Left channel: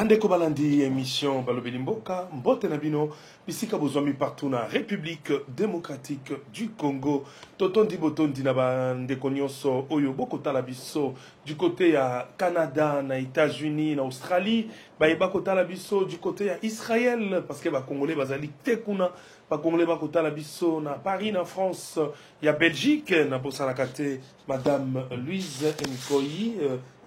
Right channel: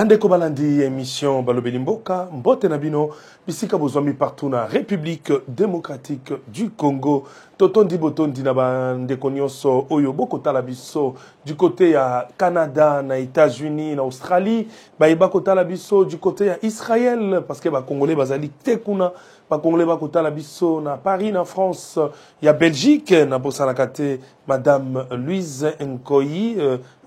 Bandeko balandi émission Balobeli Mboka, Mbote Nabino, bisika bozomi partout na République démocratique du Congo. Totondi botondi na bandeko nyonso oyo boko tala biso du côté ya Canada, na États-Unis, na Australie, ba kotala biso du côté ya Israël parce que ba Congolais bazali tekuna. Ba Congolais ba kotala biso na Paris, na France, ya Belgique, na bosana kate Madame Louise Nkoyi,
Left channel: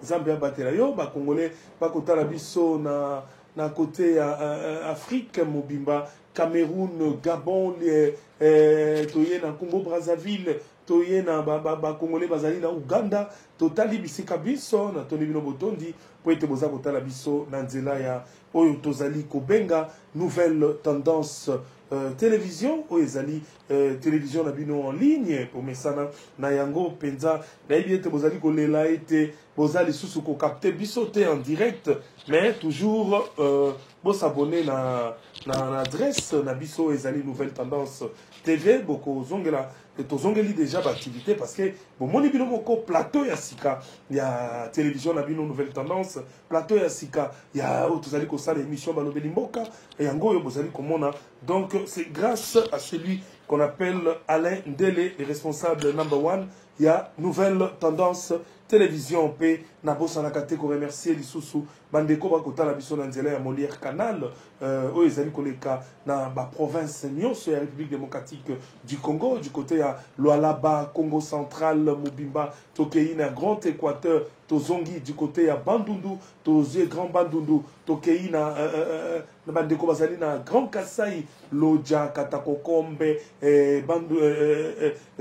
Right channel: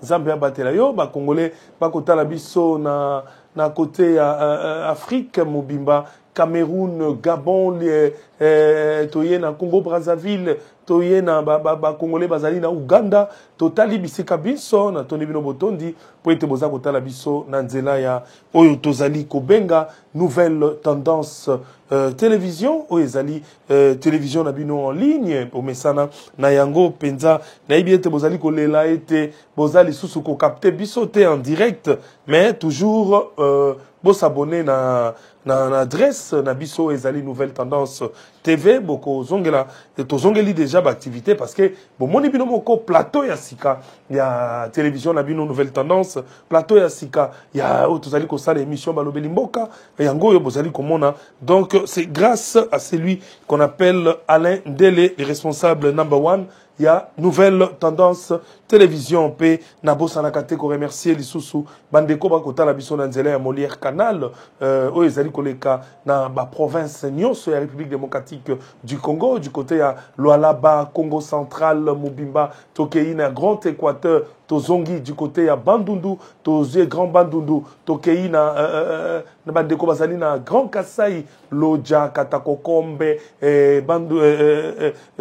Zambia Batelayo, ba Congolais ba kotala biso na côté Afrique, Mobimba, Cameroun, Gabon, toye na Congo Brazzaville, toye na ba Congolais bazali na Uganda, totali bisika biso na toni bino botondi po ete boza kotala biso na nzela ya oyo tozali kobenga nouvelle tendance télévision oyo ezali télévision na bino en ligne pomesana na yango penza na yebi ete bozali kolela ete bozali susu ko capter biso te en direct mais toujours s'abonner na adresse na biso ezali nouvelle tendance TV boko zongela tozongeli déjà d'activité parce que bon moni bino moko plateau ya sika ya télévision na bino nouvelle tendance plateau ya sika ya tozali ko sala émission Balobeli Mboka yango yo bozali komona donc c'est grâce à celui qu'on appelle Alain Ndele le responsable number one. Il y a nouvelle tendance télévision pe na bosa na kate ko remercier lisusu bandeko ba kota la biso na nzela ya Molière Canal o ezali koleka na ba province nyonso ya République démocratique du Congo du côté ya Lualaba Congo central Mobimba tokei na Grand Équateur tozongi du côté ya Bandundu tozie Grand Bandundu tokei na bandeko bazali na Grand Kasai Loja Katakokombe bandu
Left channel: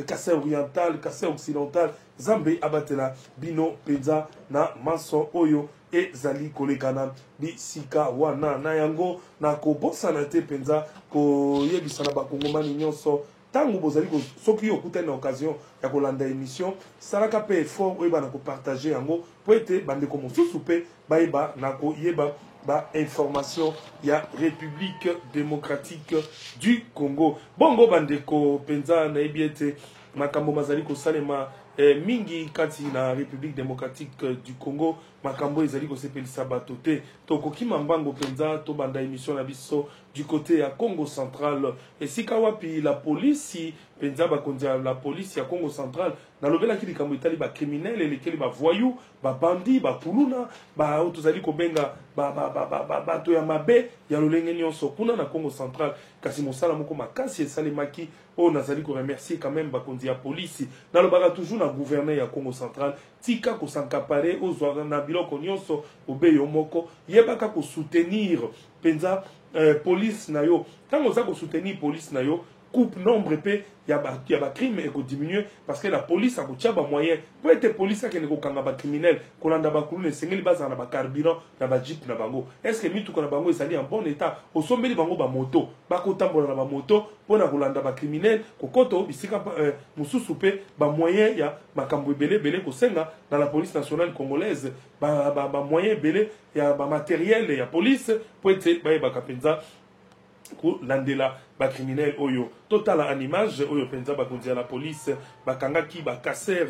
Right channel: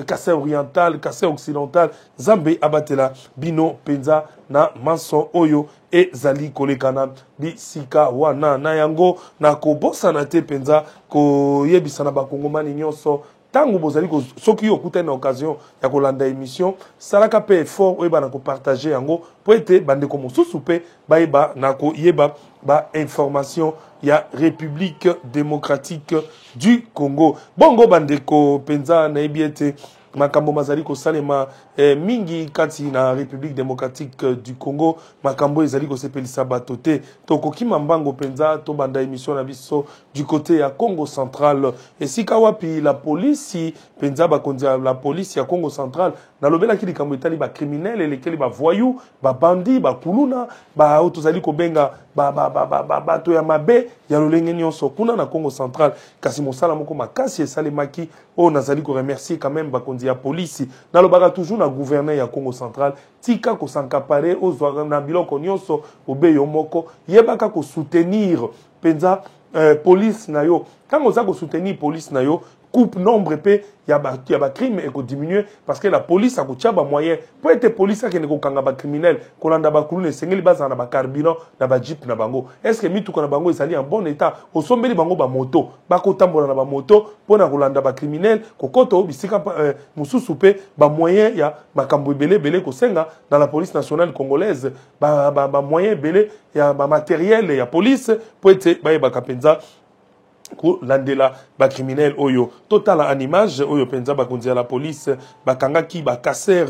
Kasai oriental Kasai occidental Zambe abatela bino penza na manson oyo e zali kolekana bisika wana na yango na kobosa na te penza ko yebisa na bakongomani nyonso tango bozali ko soki okuta na occasion ya kolanda émission salaka pe effort oyo bana ko partager yango po ete bandeko mosusu pe bayeba na ko yeba ba information ya République démocratique du Congo bongo bandeko penza na ebiete makambo mazali ko salema mingi kati na République démocratique du Congo makambo ezali ko sepelisa bato te tokoki mambango penza to banda émission na biso du côté ya Congo central et sika wapi la police penza ba kondia la police ya Congo central na lobela ki likambo etali ba criminel elekeli ba voyou ba bandi ba kuluna ba tozali ko benga ba to ya mabe ya lolenge nyonso kuna na Congo central kasi mosala moko makasi esalemaki o nazali ko remercier quand même ba kondia police na lobaka toujours na gouverneur ya Congo central tika ko sankapare ozwa na biloko nyonso obeyo moko yebaka ko soutenir penza police na yo quand oza ko soutenir police na yo coupe nombre pe ya ba crime et ko diminuer parce que la police a ko tchaba moyen pour être police qui ne ko kanga ba criminel ko landa ba kulune sengeli baza na ba carburant na ba jeep na bango est-ce que mitu ko na bango ezali en bon état o sombeli bango ba moto ba ko tambola na ba moto pona ko landa ba criminel ko koto bisika mususu pe ba moyen ya ba kambo belé ko senga dans la police nationale congolaise ba moyen belé ya ba matériel ya police pour être ba kapenza ko landela ba criminel oyo total en image oyo penza ba kondia la police ba kangaki ba kasser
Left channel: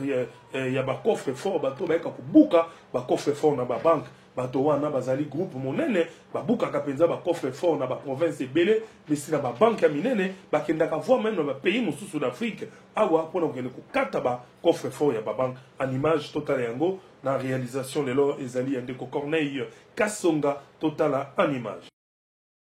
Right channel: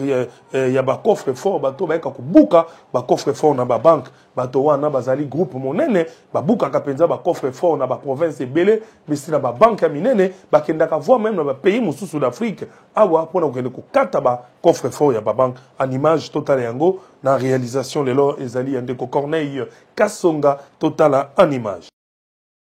ya ba coffre fort bato ba ka kubuka ba coffre fort na ba banque bato wana bazali groupe monene ba buka ka penza ba coffre fort na ba province belé mais si na ba banque ya minene ba kenda ka voir même na ba pays mususu d'Afrique awa pona ko ko kata ba coffre fort ya ba banque en image total yango na réalisation lelo ezali ndeko Corneille Kasonga total en image.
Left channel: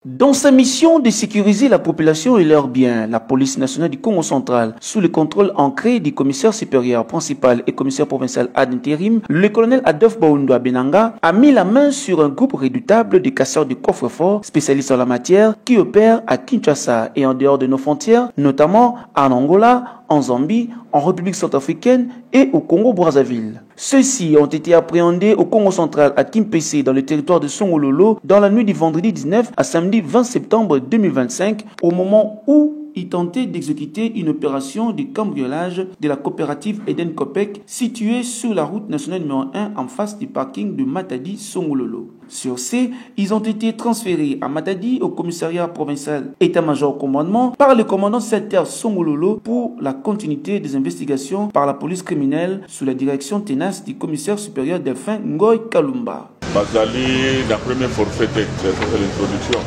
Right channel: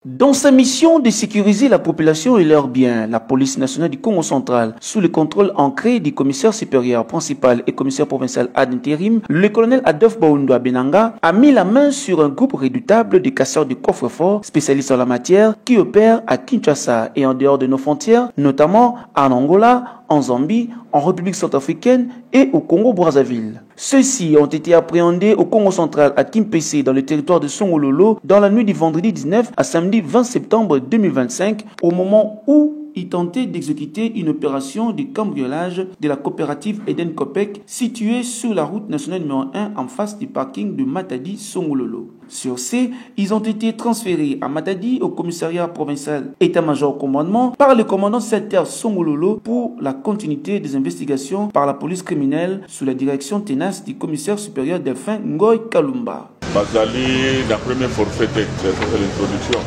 Dans sa mission de sécuriser la population et leurs biens, la police nationale du Congo central, sous le contrôle ancré du commissaire supérieur principal et commissaire provincial ad intérim, le colonel Adolphe Baoundoua Benanga a mis la main sur un groupe redoutable de casseurs de coffre-fort spécialistes en la matière qui opèrent à Kinshasa et en dehors de nos frontières, notamment en Angola, en Zambie, en République centrafricaine et au Congo-Brazzaville. Ceux-ci ont été appréhendés au Congo central à Kimpese dans le territoire de Songololo dans la nuit du vendredi 19 à samedi 20 septembre 2025 au moment où ils tentaient d'exécuter une opération de cambriolage de la coopérative Eden Copec située sur la route nationale numéro 1 en face du parking de Matadi Songololo. Sur ce, ils ont été transférés à Matadi au commissariat provincial état-major commandement par le commandant Setter Songololo pour la continuité des investigations par la police criminelle sous la direction tenace du commissaire supérieur Delphin Ngoy Kalumba. Bazali, la première forfait, c'est l'introduction.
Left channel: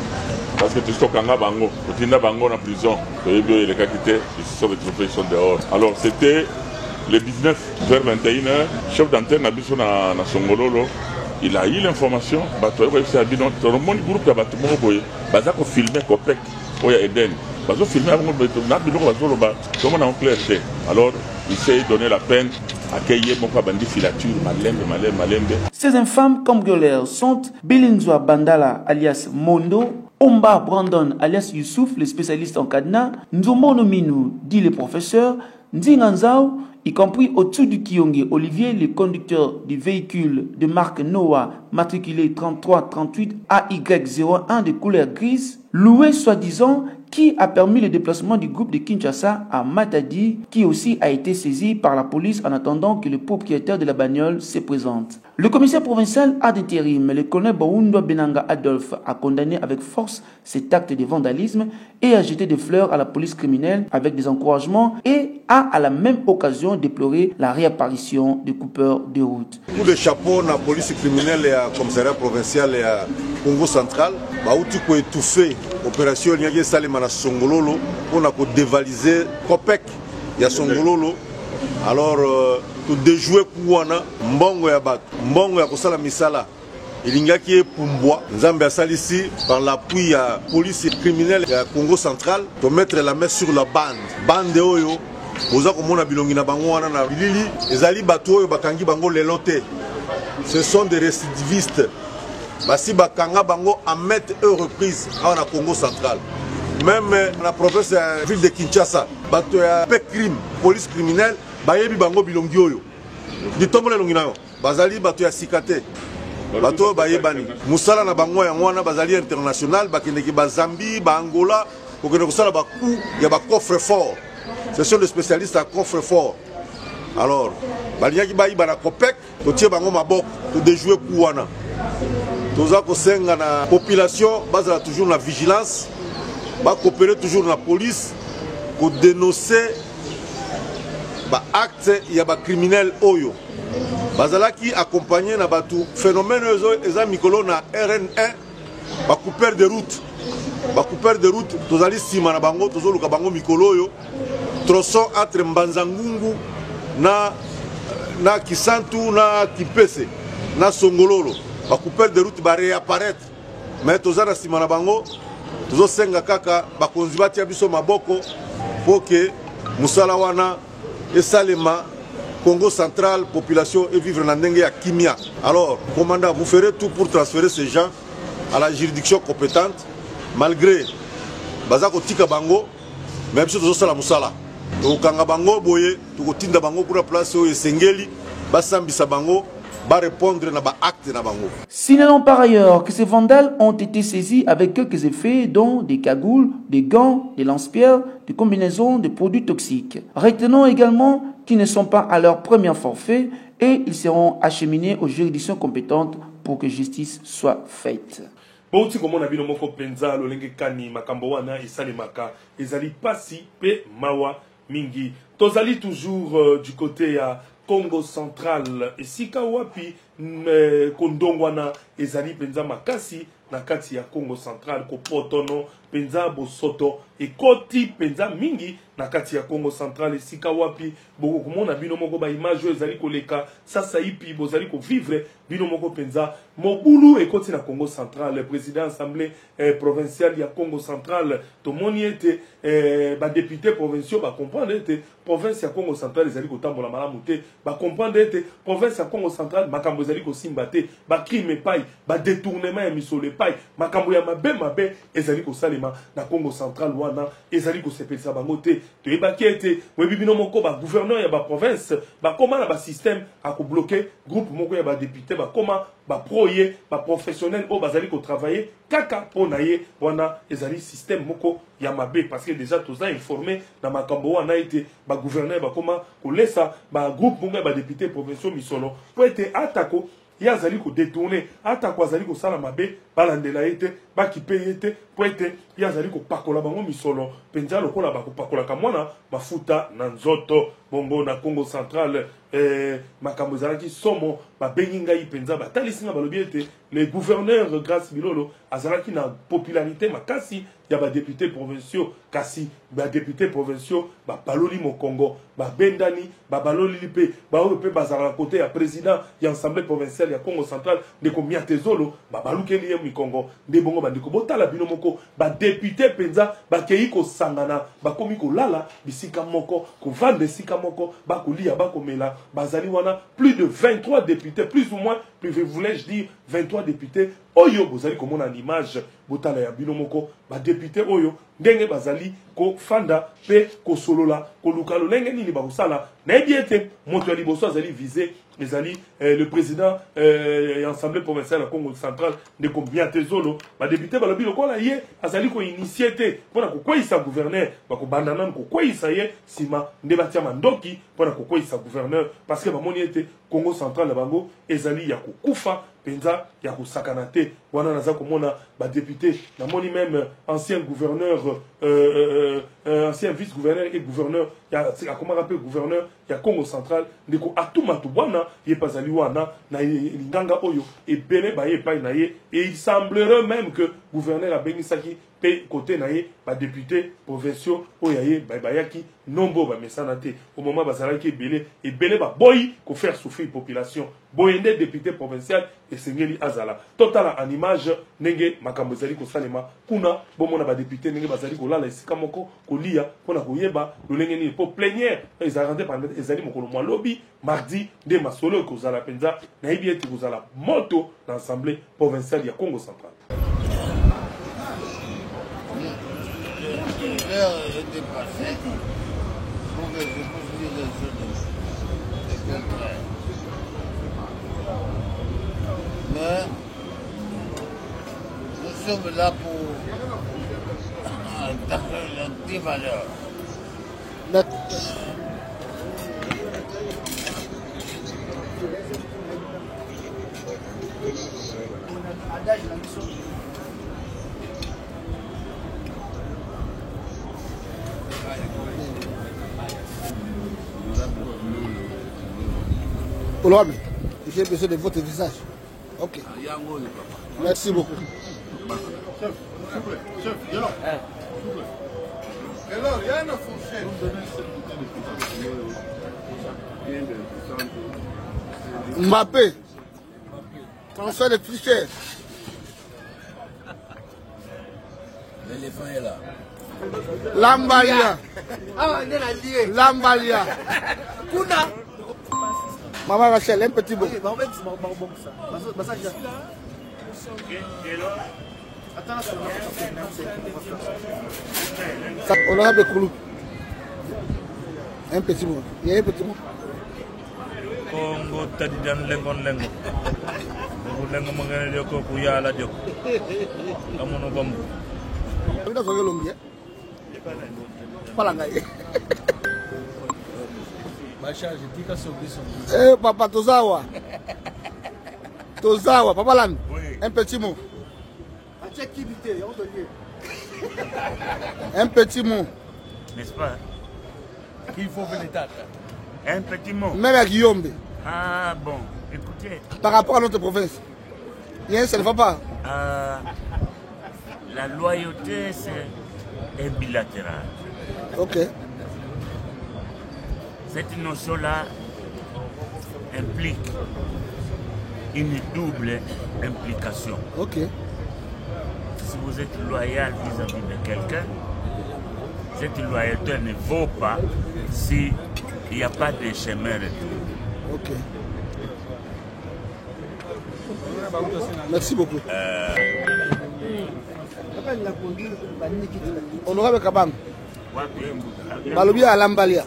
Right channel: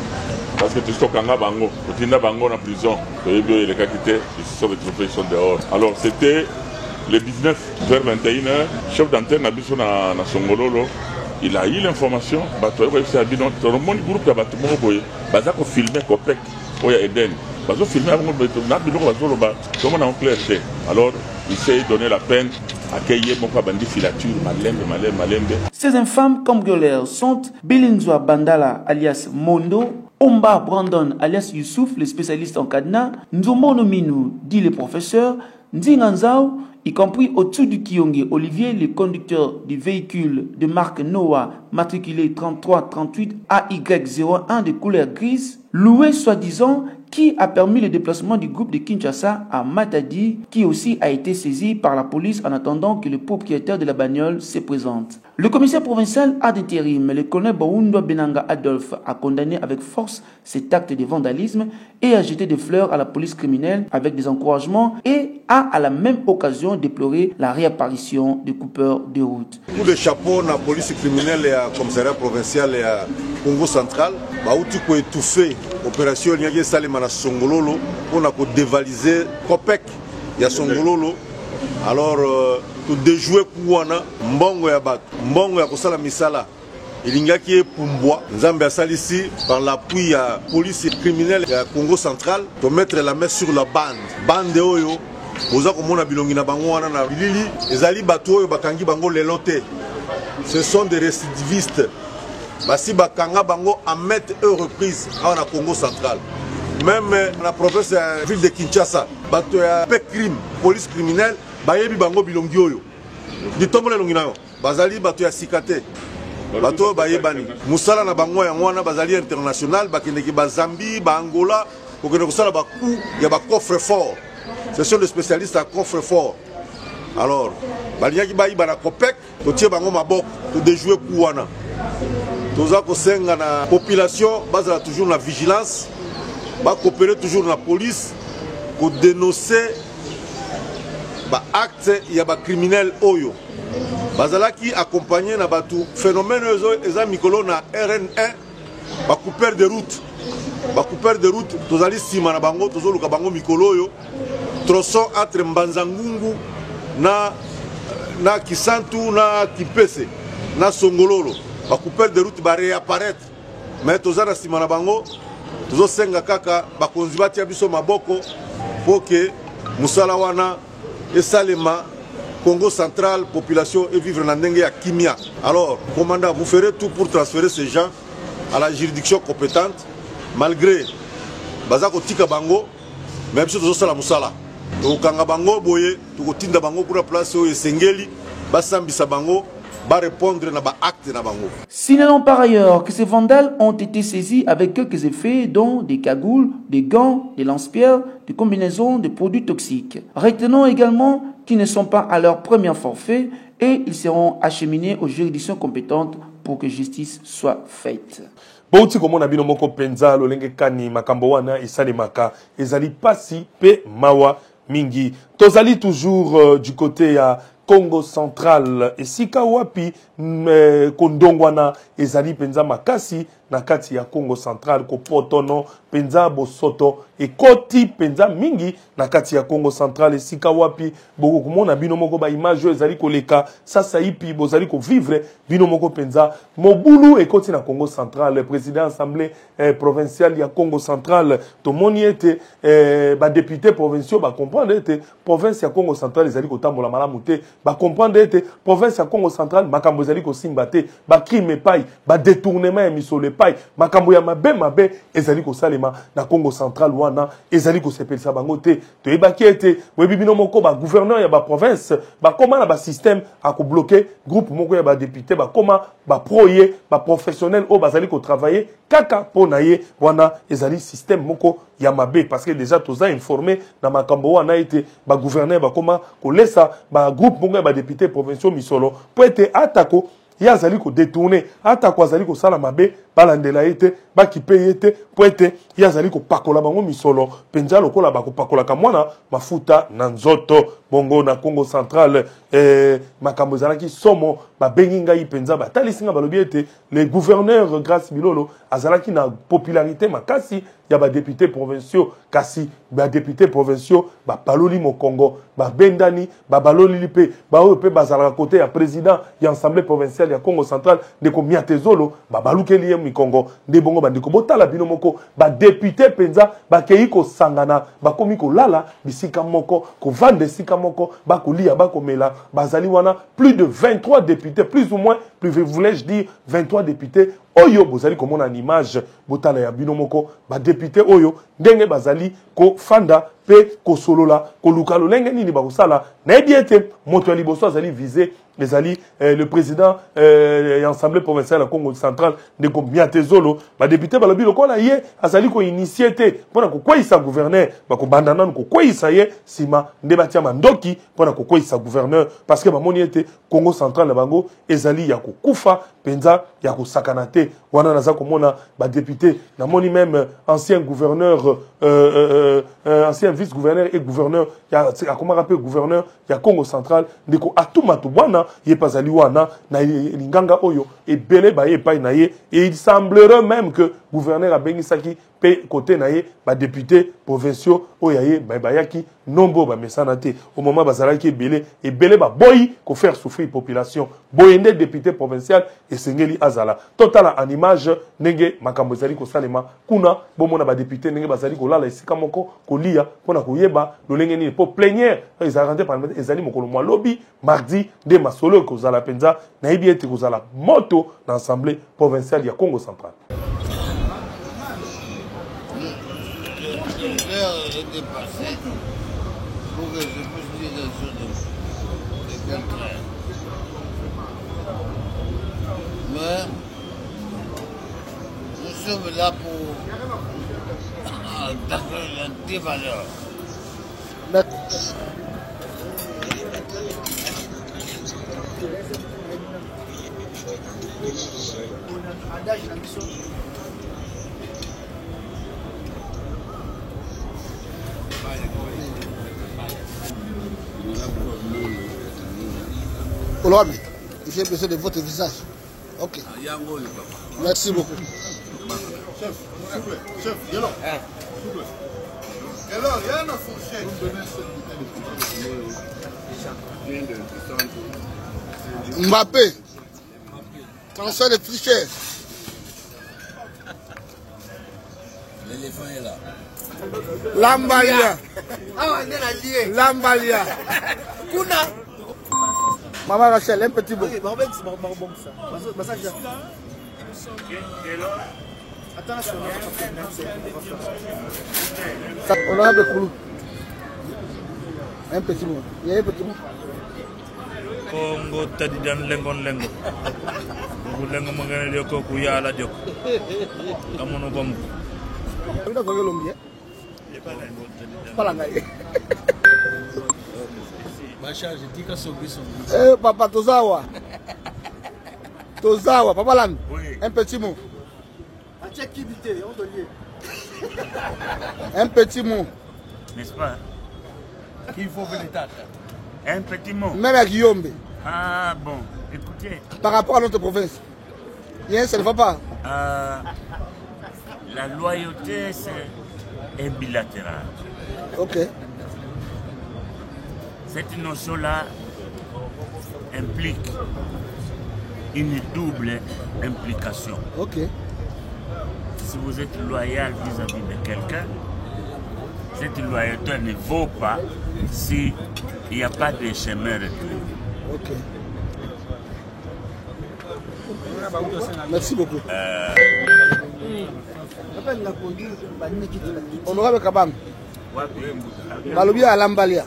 Parce que tu stockes en bango, tu n'as bango en prison, les cas qui étaient, ils sont retrouvés, ils sont dehors. Alors c'était le 19 vers 21h, chef d'antenne a besoin na Songololo. Il a eu l'information, tout le monde groupe a battu mon boy, bazako filmé Copec, oya Eden. Bazo filmé avant comment on clarté. Alors il s'est donné la peine accueillir mon bandi filature, malembe. Ces infâmes cambrioleurs sont Belinzoa Bandala alias Mondo, Omba Brandon alias Youssouf, le spécialiste en cadenas, Nzomono Minou, dit le professeur, Nzinganzao, y compris au-dessous du Kionge Olivier, le conducteur du véhicule de marque Noah, matriculé 3338 AY01 de couleur grise, loué soi-disant, qui a permis le déplacement du groupe de Kinshasa à Matadi, qui aussi a été saisi par la police en attendant que le propriétaire de la bagnole se présente. Le commissaire provincial ad intérim, le colonel Baoundwa Benanga Adolphe, a condamné avec force cet acte de vandalisme et a jeté des fleurs à la police criminelle avec des encouragements et a à la même occasion déploré la réapparition des coupeurs de route. Coup de chapeau na police criminelle et à commissariat provincial et à Congo central, baouti ko étouffer opération nyage salema na Songololo pour na ko dévaliser Copec ya Songololo. Alors tout déjouer kuwana mbongo ya bato, mbongo ya kosala misala ilingaki epumbwa nzambe asalisi par l'appui ya police criminelle ya Congo central to mettre la main sur la bande oyo oza komona bilongi na bango wana na bilili ezali bato oyo bakangi bango lelo te. Ce sont des récidivistes. Basi bakanga bango à maintes reprises na Congo central. Même la province de la ville de Kinshasa, bato ya crime, police criminelle, bayebi bango bilongi oyo. Di tombole longi nayo. Bazali bato ya sikate. Bato bayebani. Musala na bango ya wana bazali international, bakendeki ba Zambie, ba Angola, kokende kosala ba coup ya ba coffre fort. Ce sont des spécialistes à coffre fort. Alors, baliaki bayi bana Copec, to tie bango maboko, to déjouer coup wana. Toza kosenga na population, bazala toujours la vigilance, ba coopérer toujours la police, ko dénoncer ba acte ya ba criminel oyo. Bazala qui accompagné na batu phénomène eza mikolo na RN1, ba couper de route. Ba couper de route, tozali sima na bango, tozo luka bango mikolo oyo. Tronçon entre Mbanzangungu na Kisantu na Kipese na Songololo. Ba couper de route ba réapparaître. Mais tozana sima na bango, tozo senga kaka ba konzibati ya biso maboko pour que musala wana esalema Congo central population et vivre na ndenge ya kimia. Alors, commandant, vous ferez tout pour transférer ces gens à la juridiction compétente malgré bazako tika bango même si tozo sala musala. Tokanga bango boye, tokotinda bango pour la place oyo esengeli, basambisa bango. Signalons par ailleurs que ces vandales ont été saisis avec quelques effets dont des cagoules, des gants, des lance-pierres, des combinaisons de produits toxiques. Retenons également qu'ils ne sont pas à leur premier forfait et ils seront acheminés aux juridictions compétentes pour que justice soit faite. Bouti comme on a bino moko penza lolenge kani makambo wana esalemaka ezali pasi pe mawa mingi. Tozali toujours du côté à Congo central et sika wapi kondongwana ezali penza makasi na kati ya Congo central ko potono penza bosoto et koti penza mingi na kati ya Congo central et sika wapi boko kumona bino moko ba image ezali koleka sasa ipi bozali ko vivre bino moko penza mobulu et koti na Congo central le président assemblée provinciale ya Congo central to moni ete ba député provinciaux ba comprendre ete province ya Congo central ezali ko tambola malamu te ba comprendre ete province ya Congo central makambo ezali ko simba te ba crime pai ba détournement ya misole pai makambo ya mabe ezali ko salema na Congo central wana ezali ko sepelisa bango te to ebaki ete webi bino moko ba gouverneur ya ba province ba koma na ba système a ko bloquer groupe moko ya ba député ba koma ba proye ba professionnel o bazali ko travailler kaka po na ye wana ezali système moko ya mabe parce que déjà toza informé na makambo wana ete ba gouverneur ba koma ko lesa ba groupe moko ya ba député provinciaux misolo po ete atako yazali ko détourner atako azali ko sala mabe balandela ete ba kipe ete po ete ye azali kopakola bango misolo penza lokola bakopakolaka mwana mafuta na nzoto bongo na Congo central makambo ezalaki somo babengi ngai penza batalisi nga balobi ete le gouverneur Grace Bilolo azalaki na popularité makasi ya badéputés provinciaux kasi badéputés provinciaux bapaloli mokongo babendani babaloli mpe baoyo mpe bazalaka kote ya président ya assemblée provinciale ya Congo central ndeko miatezolo babalukeli ye mikongo nde bongo bandeko botala bino moko badéputé penza bakei kosangana bakomi kolala bisika moko kovanda esika moko bakolia bakomela bazali wana plus de 23 députés plus ou moins voulais-je dire 23 députés oyo bozali komona en image botala ya bino moko ba député oyo ndenge bazali ko fanda pe ko solola ko luka lolenge nini ba kosala na ete moto liboso azali visé le président de l'Assemblée provinciale à Congo central de Miatezolo ba député ba lobi lokola ye azali ko initié pona ko kwisa gouverneur ba ko bandana ko kwisa ye sima nde batia mandoki pona ko kwisa gouverneur parce que ba moni ete Congo central na bango ezali ya ko kufa penza ya ko sakanate wana naza komona ba député na moni même ancien gouverneur ancien vice-gouverneur et gouverneur ya comment rappeler gouverneur ya Congo central ndiko atuma to bwana ye pazali wana na linganga oyo et belé ba ye pa na ye et il semblerait même que gouverneur a bengisaki pe côté na ye ba député provinciaux oyaye ba yaki nombo ba mesanate au moment bazalaki belé et belé ba boyi ko faire souffrir population boyende député provincial et sengeli azala total en image nenge makambo zali ko salema kuna bomona ba député nenge bazali ko lala esika moko ko lia pona ko yeba lolenge ni pour plénière ils a rentré par ezali mokolo mwa lobby mardi de masolo ko zala penza na yebi ete ko zala moto dans l'assemblée provinciale ya Congo central. L'heure est dépassée pour que je puisse dire des choses de contraire. Mais nous sommes là pour attaquer les valeurs. Honorable, il faut baisser de votre visage. Ok. Merci beaucoup. Chef, s'il vous plaît. Chef, viens là. S'il vous plaît. Alors, il y a une fourchette. Mbappé. Transfert de tricheur. L'éléphant est là. Lambalia. Lambalia. Kuna. Maman Rachel, un petit mot. Honorable Koulou. Un petit mot. Il y a un petit mot. Congo tadidan lengon lengo. Lengo mangane dioko kuyala dioko. Kamono bambu. Udah kau gelung ya? Kepala nggak ya? Eh, Papa Tozawa. Tozawa, Papa Lan. Un petit mot. Un petit mot. N'est-ce pas? Qu'il faut venir tata. Un petit mot. Même à Guillaume. Ah bon, écoutez. Par rapport à notre province. Bien, ça ne va pas. La loyauté, c'est un bilatéral. Ok. Cette notion-là implique une double implication. Ok. Si vous êtes loyal vis-à-vis de quelqu'un, cette loyauté ne vaut pas s'il n'y a pas de chemin retour. Ok. Merci beaucoup. Honorable Kabang. Balobi à Lambalia.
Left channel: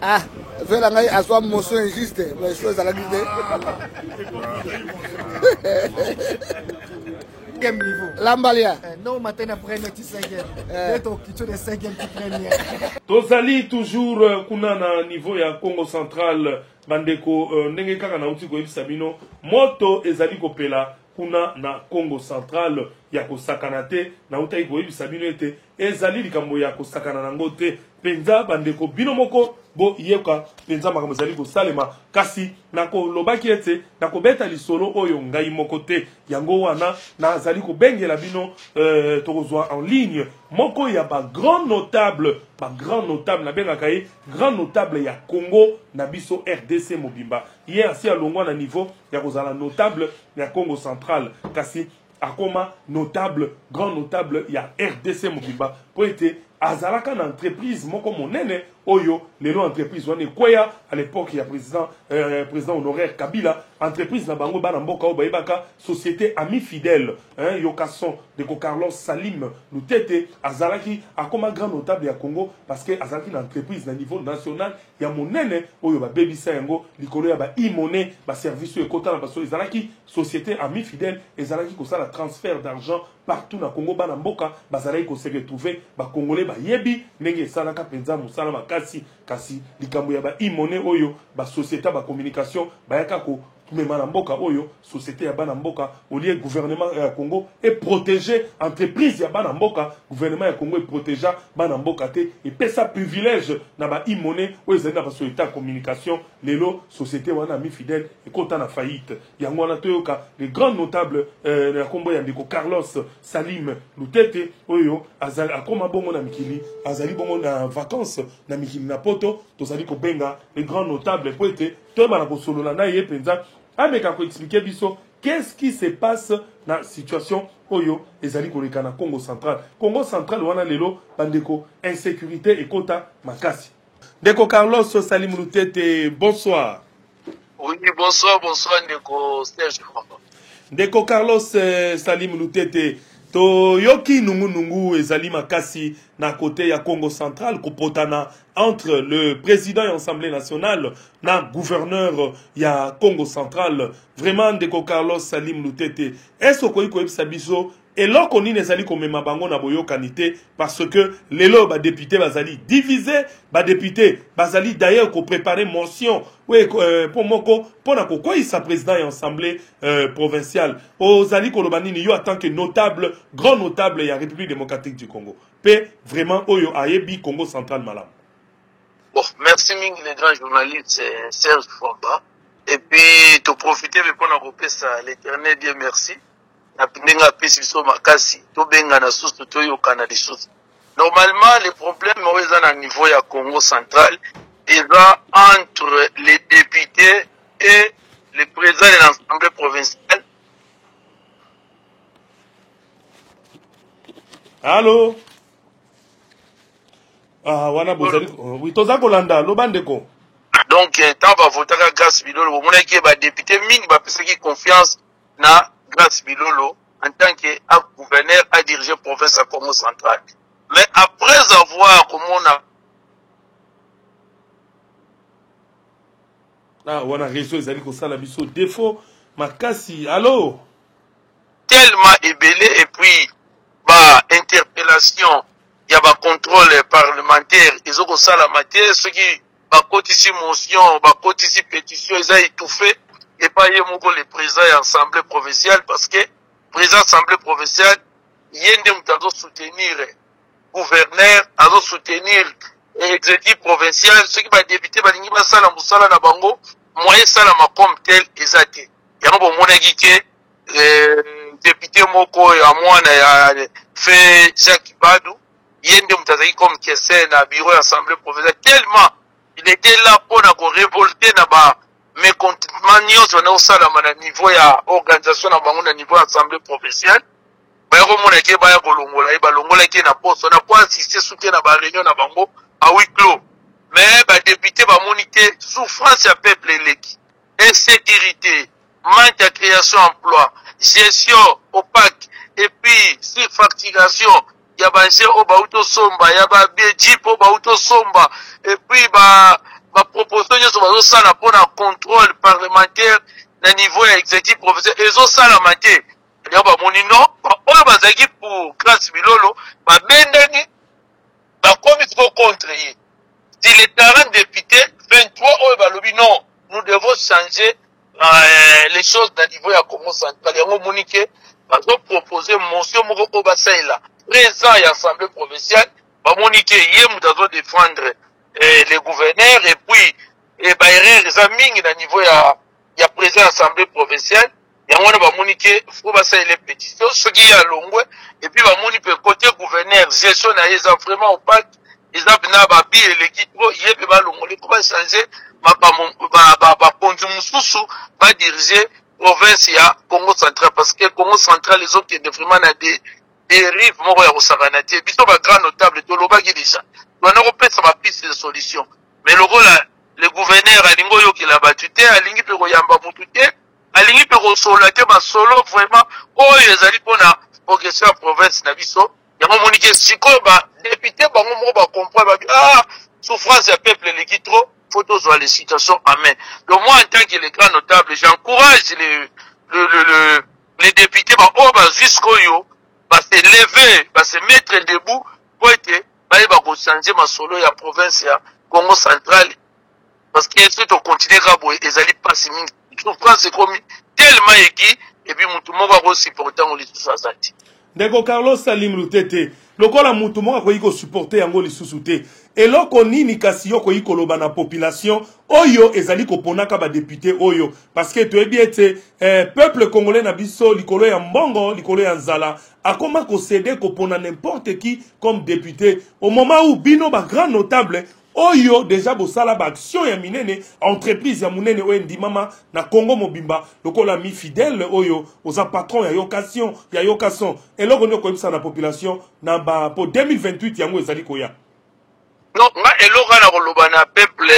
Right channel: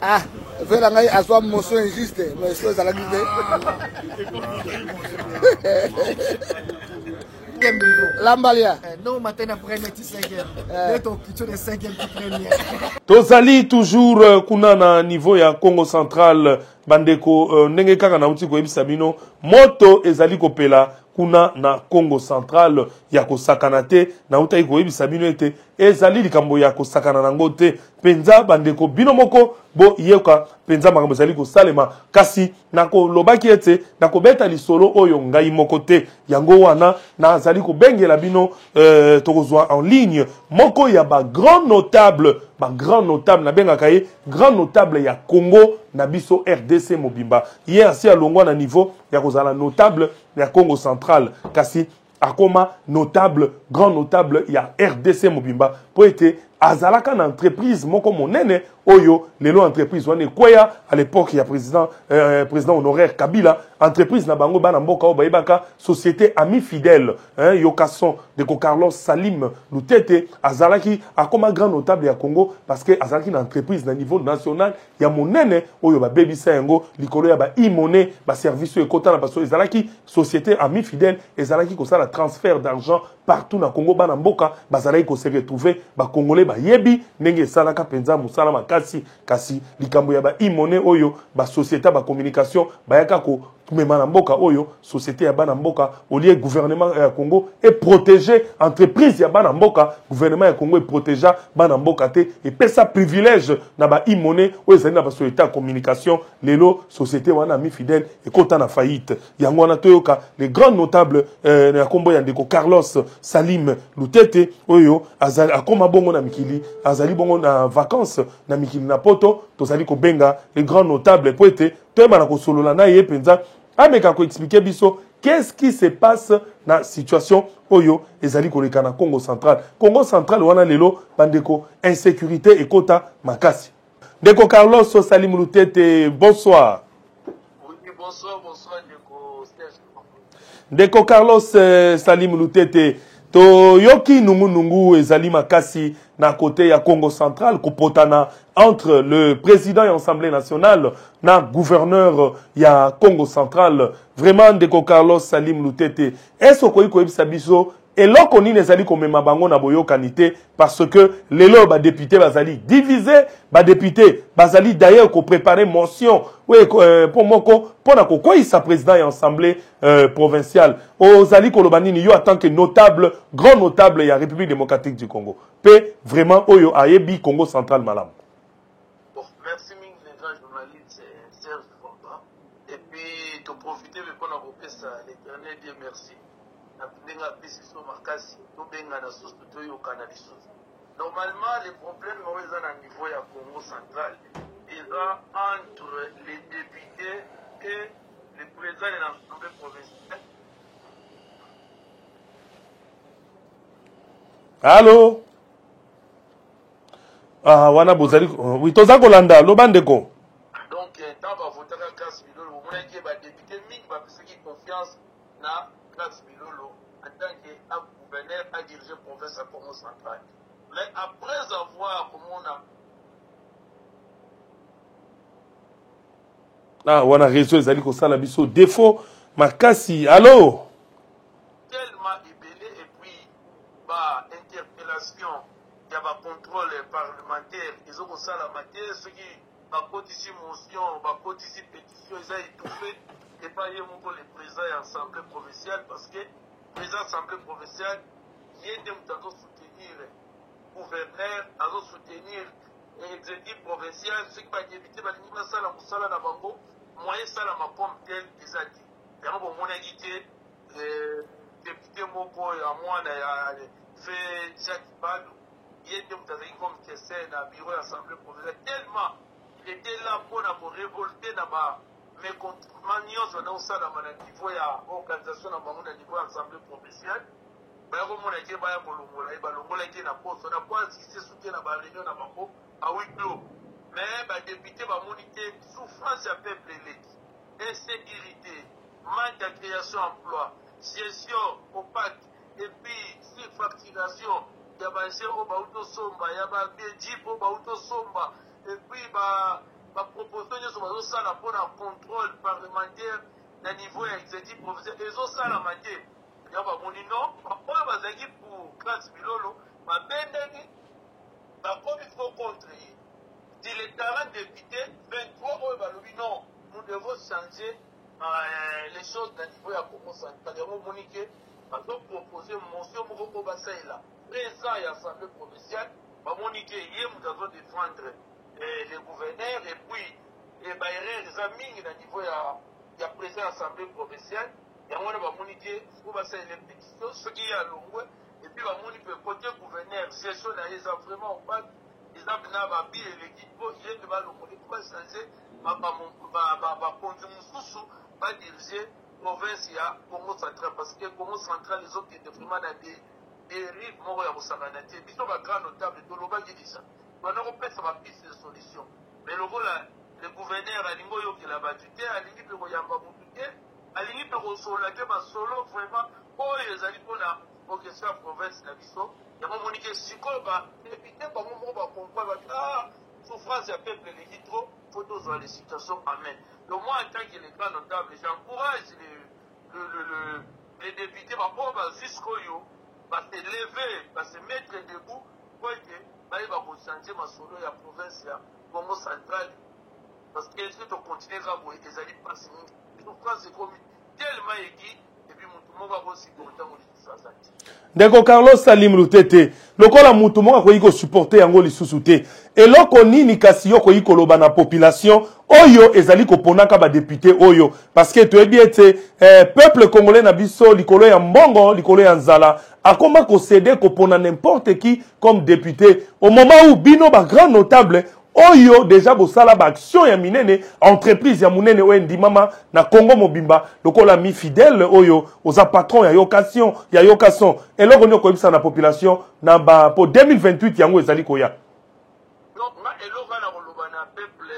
Ah, faire un assoir motion injuste, mais je suis à la guidée. 4e niveau. Lambalia. Non, matin après, on est 5e. C'est au kitchen de 5e qui première. Tozali toujours kuna na niveau ya Congo Central bandeko ndenge kaka na uti ko yebisa bino moto ezali kopela kuna na Congo Central ya kosakana te na utai ko yebisa bino ete ezali likambo ya kosakana nango te penza bandeko bino moko bo yeka penza makambo ezali kosalema kasi nako lobaki ete nako beta lisolo oyo ngai moko te yango wana na azali kobengela bino tokozwa en ligne moko ya ba grand notable na bengaka ye grand notable ya Congo na biso RDC mobimba ye asi alongwa na niveau ya kozala notable ya Congo Central kasi akoma notable grand notable ya RDC mobimba po ete azalaka na entreprise moko monene oyo lelo entreprise wana ekweya à l'époque ya président honoraire Kabila entreprise na bango bana mboka o bayebaka société ami fidèle yokason de Carlos Salim Lutete azalaki akoma grand notable ya Congo parce que azalaki na entreprise na niveau national ya monene oyo ba bebisa yango likolo ya ba imone ba service ekota na baso ezalaki société ami fidèle ezalaki kosala transfert d'argent partout na Congo bana mboka bazalaki ko se retrouver ba congolais ba yebi ndenge esalaka penza musala makasi kasi likambo ya ba imone oyo ba société ba communication bayaka ko tumema na mboka oyo société ya bana mboka au lieu gouvernement ya Congo et protéger entreprise ya bana mboka gouvernement ya Congo et protéger bana mboka te et pesa privilège na ba imone oyo ezali na ba société ya communication lelo société wana mi fidèle et kota na faillite yango wana toyoka les grands notables na kombo ya ndeko Carlos Salim Lutete oyo azali akoma bongo na mikili azali bongo na vacances na mikili na poto tozali ko benga les grands notables po ete toyeba na kosolola na ye penza ameka ko expliquer biso qu'est-ce qui se passe na situation oyo ezali koleka na Congo Central wana lelo bandeko insécurité ekota makasi ndeko Carlos Salim Lutete bonsoir. Oui bonsoir ndeko Serge ndeko Carlos Salim Lutete to yoki nungu ezali makasi na côté ya Congo Central kopotana entre le président de l'Assemblée nationale na gouverneur ya Congo Central vraiment ndeko Carlos Salim Lutete est-ce que ko yebisa biso eloko nini ezali komema bango na boyokani te parce que lelo ba député bazali divisé ba député bazali d'ailleurs ko préparer motion oui pour moko pona ko sa président ya assemblée provinciale ozali koloba nini yo en tant que notable grand notable ya République démocratique du Congo pe vraiment oyo ayebi Congo Central malam. Bon merci mingi les grands journalistes Serge Fomba et puis to profiter pour na kopesa l'éternel Dieu merci. Normalement, les problèmes sont au niveau du Congo central, ils sont entre les députés et le président de l'Assemblée provinciale. Allô? Ah, wana bozali. Oui, toza kolanda, lobandeko. Donc, tant va voter à Grâce Bilolo, vous voulez que les députés mingi va faire confiance na Grâce Bilolo en tant que gouverneur à diriger la province à Congo central. Mais après avoir comme on a wana réseau ezali kosala biso défaut makasi. Allô? Tellement ébélé et puis interpellation, il y a contrôle parlementaire, ils ont ça la matière, ceux qui ici motion, ici pétition, ils ont étouffé et pas le président de l'Assemblée provinciale parce que le président de l'Assemblée provinciale, il y a soutenir le gouverneur, à soutenir l'exécutif provincial, ceux qui vont débuter, ils vont faire la bango, moyen ça comme tel, ils ont été. Il y a un député Moko et à moi, fait Jacques Badou, il y a un comme Kessé dans le bureau de l'Assemblée provinciale, tellement il était là pour révolter mais contentement on a aussi à niveau ya organisation na bango na niveau assemblée provinciale ba ko mona ke ba ya kolongola ba longola ke na poste on a pas assisté soutien na ba réunion na bango à huis clos mais ba député ba monité souffrance ya peuple éleki insécurité manque de création d'emploi gestion opaque et puis surfacturation ya ba nje o ba auto somba ya ba jeep o ba auto somba et puis ba proposition sur bazosala pour un contrôle parlementaire na niveau exécutif provincial ezosala mate ya ba monino oyo bazaki pour classe bilolo ba bendani ba komi ko contre ye. Si les 40 députés 23 oyo ba lobi non, nous devons changer les choses dans le niveau ya Congo central. Yango monike bazo proposer motion moko ko basaila présent à l'Assemblée provinciale ba monike ye mutazo défendre les gouverneurs et puis ba erreur za mingi na niveau ya président à l'Assemblée provinciale. Yango na ba monike faut basaila les pétitions ce qui ya longwe et puis ba moni pe côté gouverneur gestion na eza vraiment opaque. Ils ont ba bi l'équipe ye pe ba longole ko ba changer ba pondu mususu ba diriger province ya Congo central parce que Congo central les autres qui vraiment na des dérives moko ya kosakanati biso ba grand notable to lobaki déjà on a repensé ma piste de solution mais le rôle le gouverneur alingo yo ki la batute alingi pe ko yamba mutute alingi pe ko solate ba solo vraiment oyo ezali pona progression province na biso yango monike siko ba député bango moko ba comprendre ba souffrance ya peuple leki trop faut voir les situations amen. Donc moi en tant que les grands notables, j'encourage les députés jusqu'au yo, se lever, se mettre debout pour être changer ma solo ya province ya Congo central parce que c'est au continent rabo et ils allaient passer mine. Souffrance c'est comme tellement équi et puis mutu moko ko supporter on les sous azati. Ndeko Carlos Salim Lutete lokola mutu moko ko yiko supporter yango lisusu te eloko nini kasi yo ko yiko loba na population oyo ezali ko ponaka ba député oyo parce que tu es bien peuple congolais na biso likolo ya mbongo likolo ya nzala akoma ko céder ko pona n'importe qui comme député au moment où bino ba grand notable oyo déjà bosala ba action ya minene entreprise ya munene wendi mama na Congo mobimba lokola mi fidèle oyo oza patron ya yokason eloko nyoko ebisa na population na ba pour 2028 yango ezali koya non nga eloko na koloba na peuple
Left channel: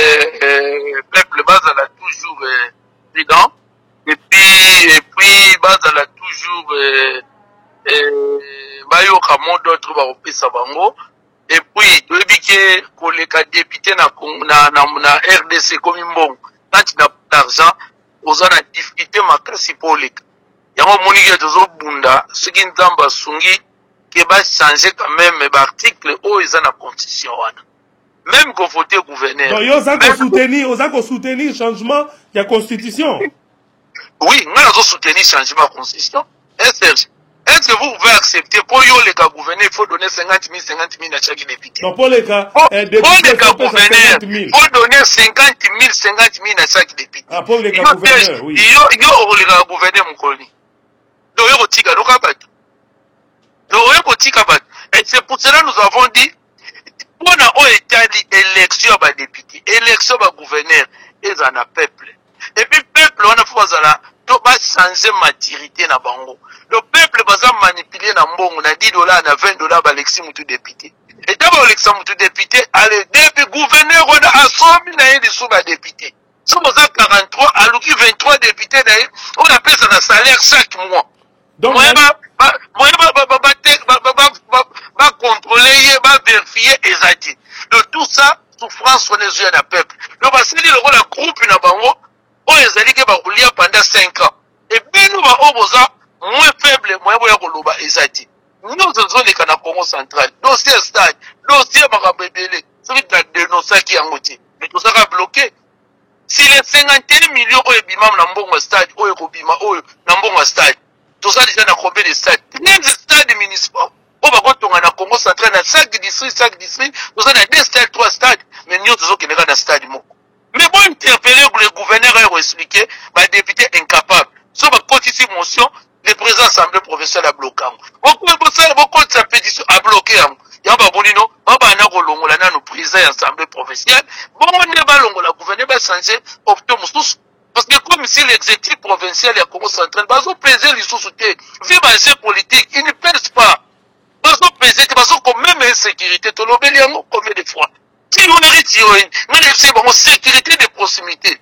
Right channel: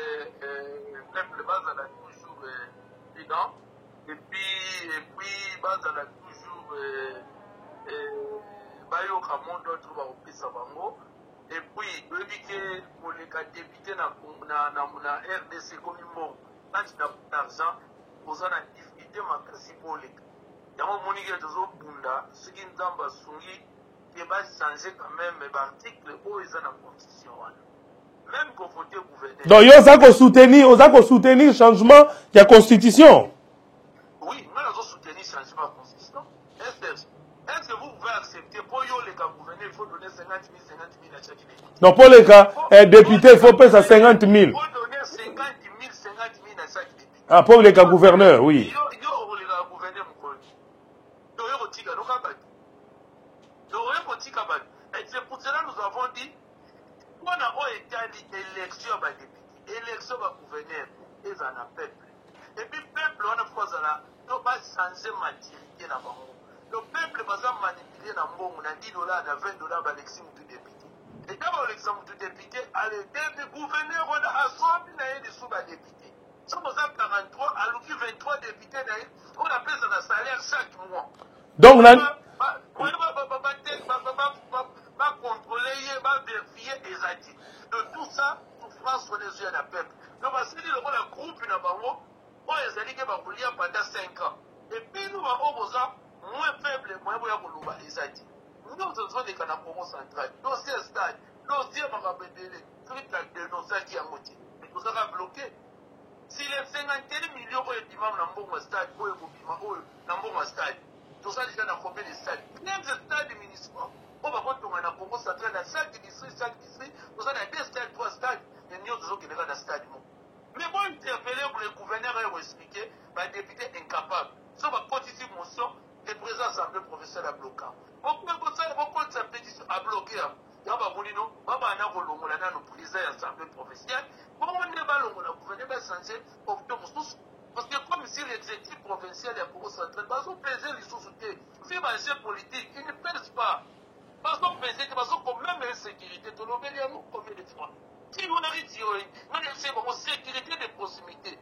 bazala toujours prudent et puis bazala toujours bayoka mo d'autres ba opesa bango. Et puis, tu veux dire que les députés na RDC comme bon, quand tu n'as pas d'argent, aux a difficulté ma classe politique. Il y a un moni qui est toujours bunda, ce qui n'entend sungi, qui va changer quand même l'article où ils ont la constitution. Même qu'on vote gouverneur. Donc, ils ont soutenir changement de la constitution. Oui, nous avons soutenu changement de la constitution. Est-ce que vous pouvez accepter pour les cas gouverner, il faut donner 50 000 à chaque député? Non, pour les cas députés, il faut payer 50 000. Il faut donner 50 000 à chaque député. Ah, pour les cas gouverneurs, oui. Il y a les cas gouverneurs, mon collègue. Donc, il y a des cas gouverneurs. Et c'est pour cela que nous avons dit, pour l'élection des députés, l'élection des gouverneurs, ils en ont peuple. Et puis, peuple, on a fait changer maturité na bango. Le peuple va manipuler na mbongo na $10 na $20 ba lexi mutu député. Et d'abord lexi mutu député, allez depuis gouverneur on a assommé na yé sous ba député. Sommes à 43, à l'ouki 23 députés d'ailleurs, on appelle ça un salaire chaque mois. Donc va contrôler, va vérifier et ça dit. De tout ça, souffrance on est yeux na peuple. Donc va se dire le rôle groupe na bango, on les a dit que va rouler pendant 5 ans. Et bien nous va oboza moins faible, moins koloba ezati. Nous avons les canaux Congo central. Dossier stade, dossier Marabébélé. Celui qui a dénoncé qui a moté. Mais tout ça a bloqué. Si les 51 millions de bimam n'ambongo stade, oyo kobima oyo n'ambongo stade. Tout ça déjà n'a combien de stades? 13 stades municipaux. On va voir na Congo central na 5 districts, tout ça na 2 stades, 3 stades. Mais nous avons qui n'est pas dans stade moko. Mais bon interpeller le gouverneur a expliqué, bah député incapable. So ba kotisi motion le président assemblée provinciale a bloqué. Beaucoup de sa pétition a bloqué. Yamba bonino, baba na kolongola na no président assemblée provinciale. Bon on ne ba longola gouverneur ba changer opto mususu. Parce que comme si l'exécutif provincial ya Congo central bazo peser les sous-soutés, vie ba politique, ils ne pèsent pas. Bazo peser que bazo comme même insécurité to lobeli yango combien de fois. Si on est retiré, mais c'est bon sécurité de proximité.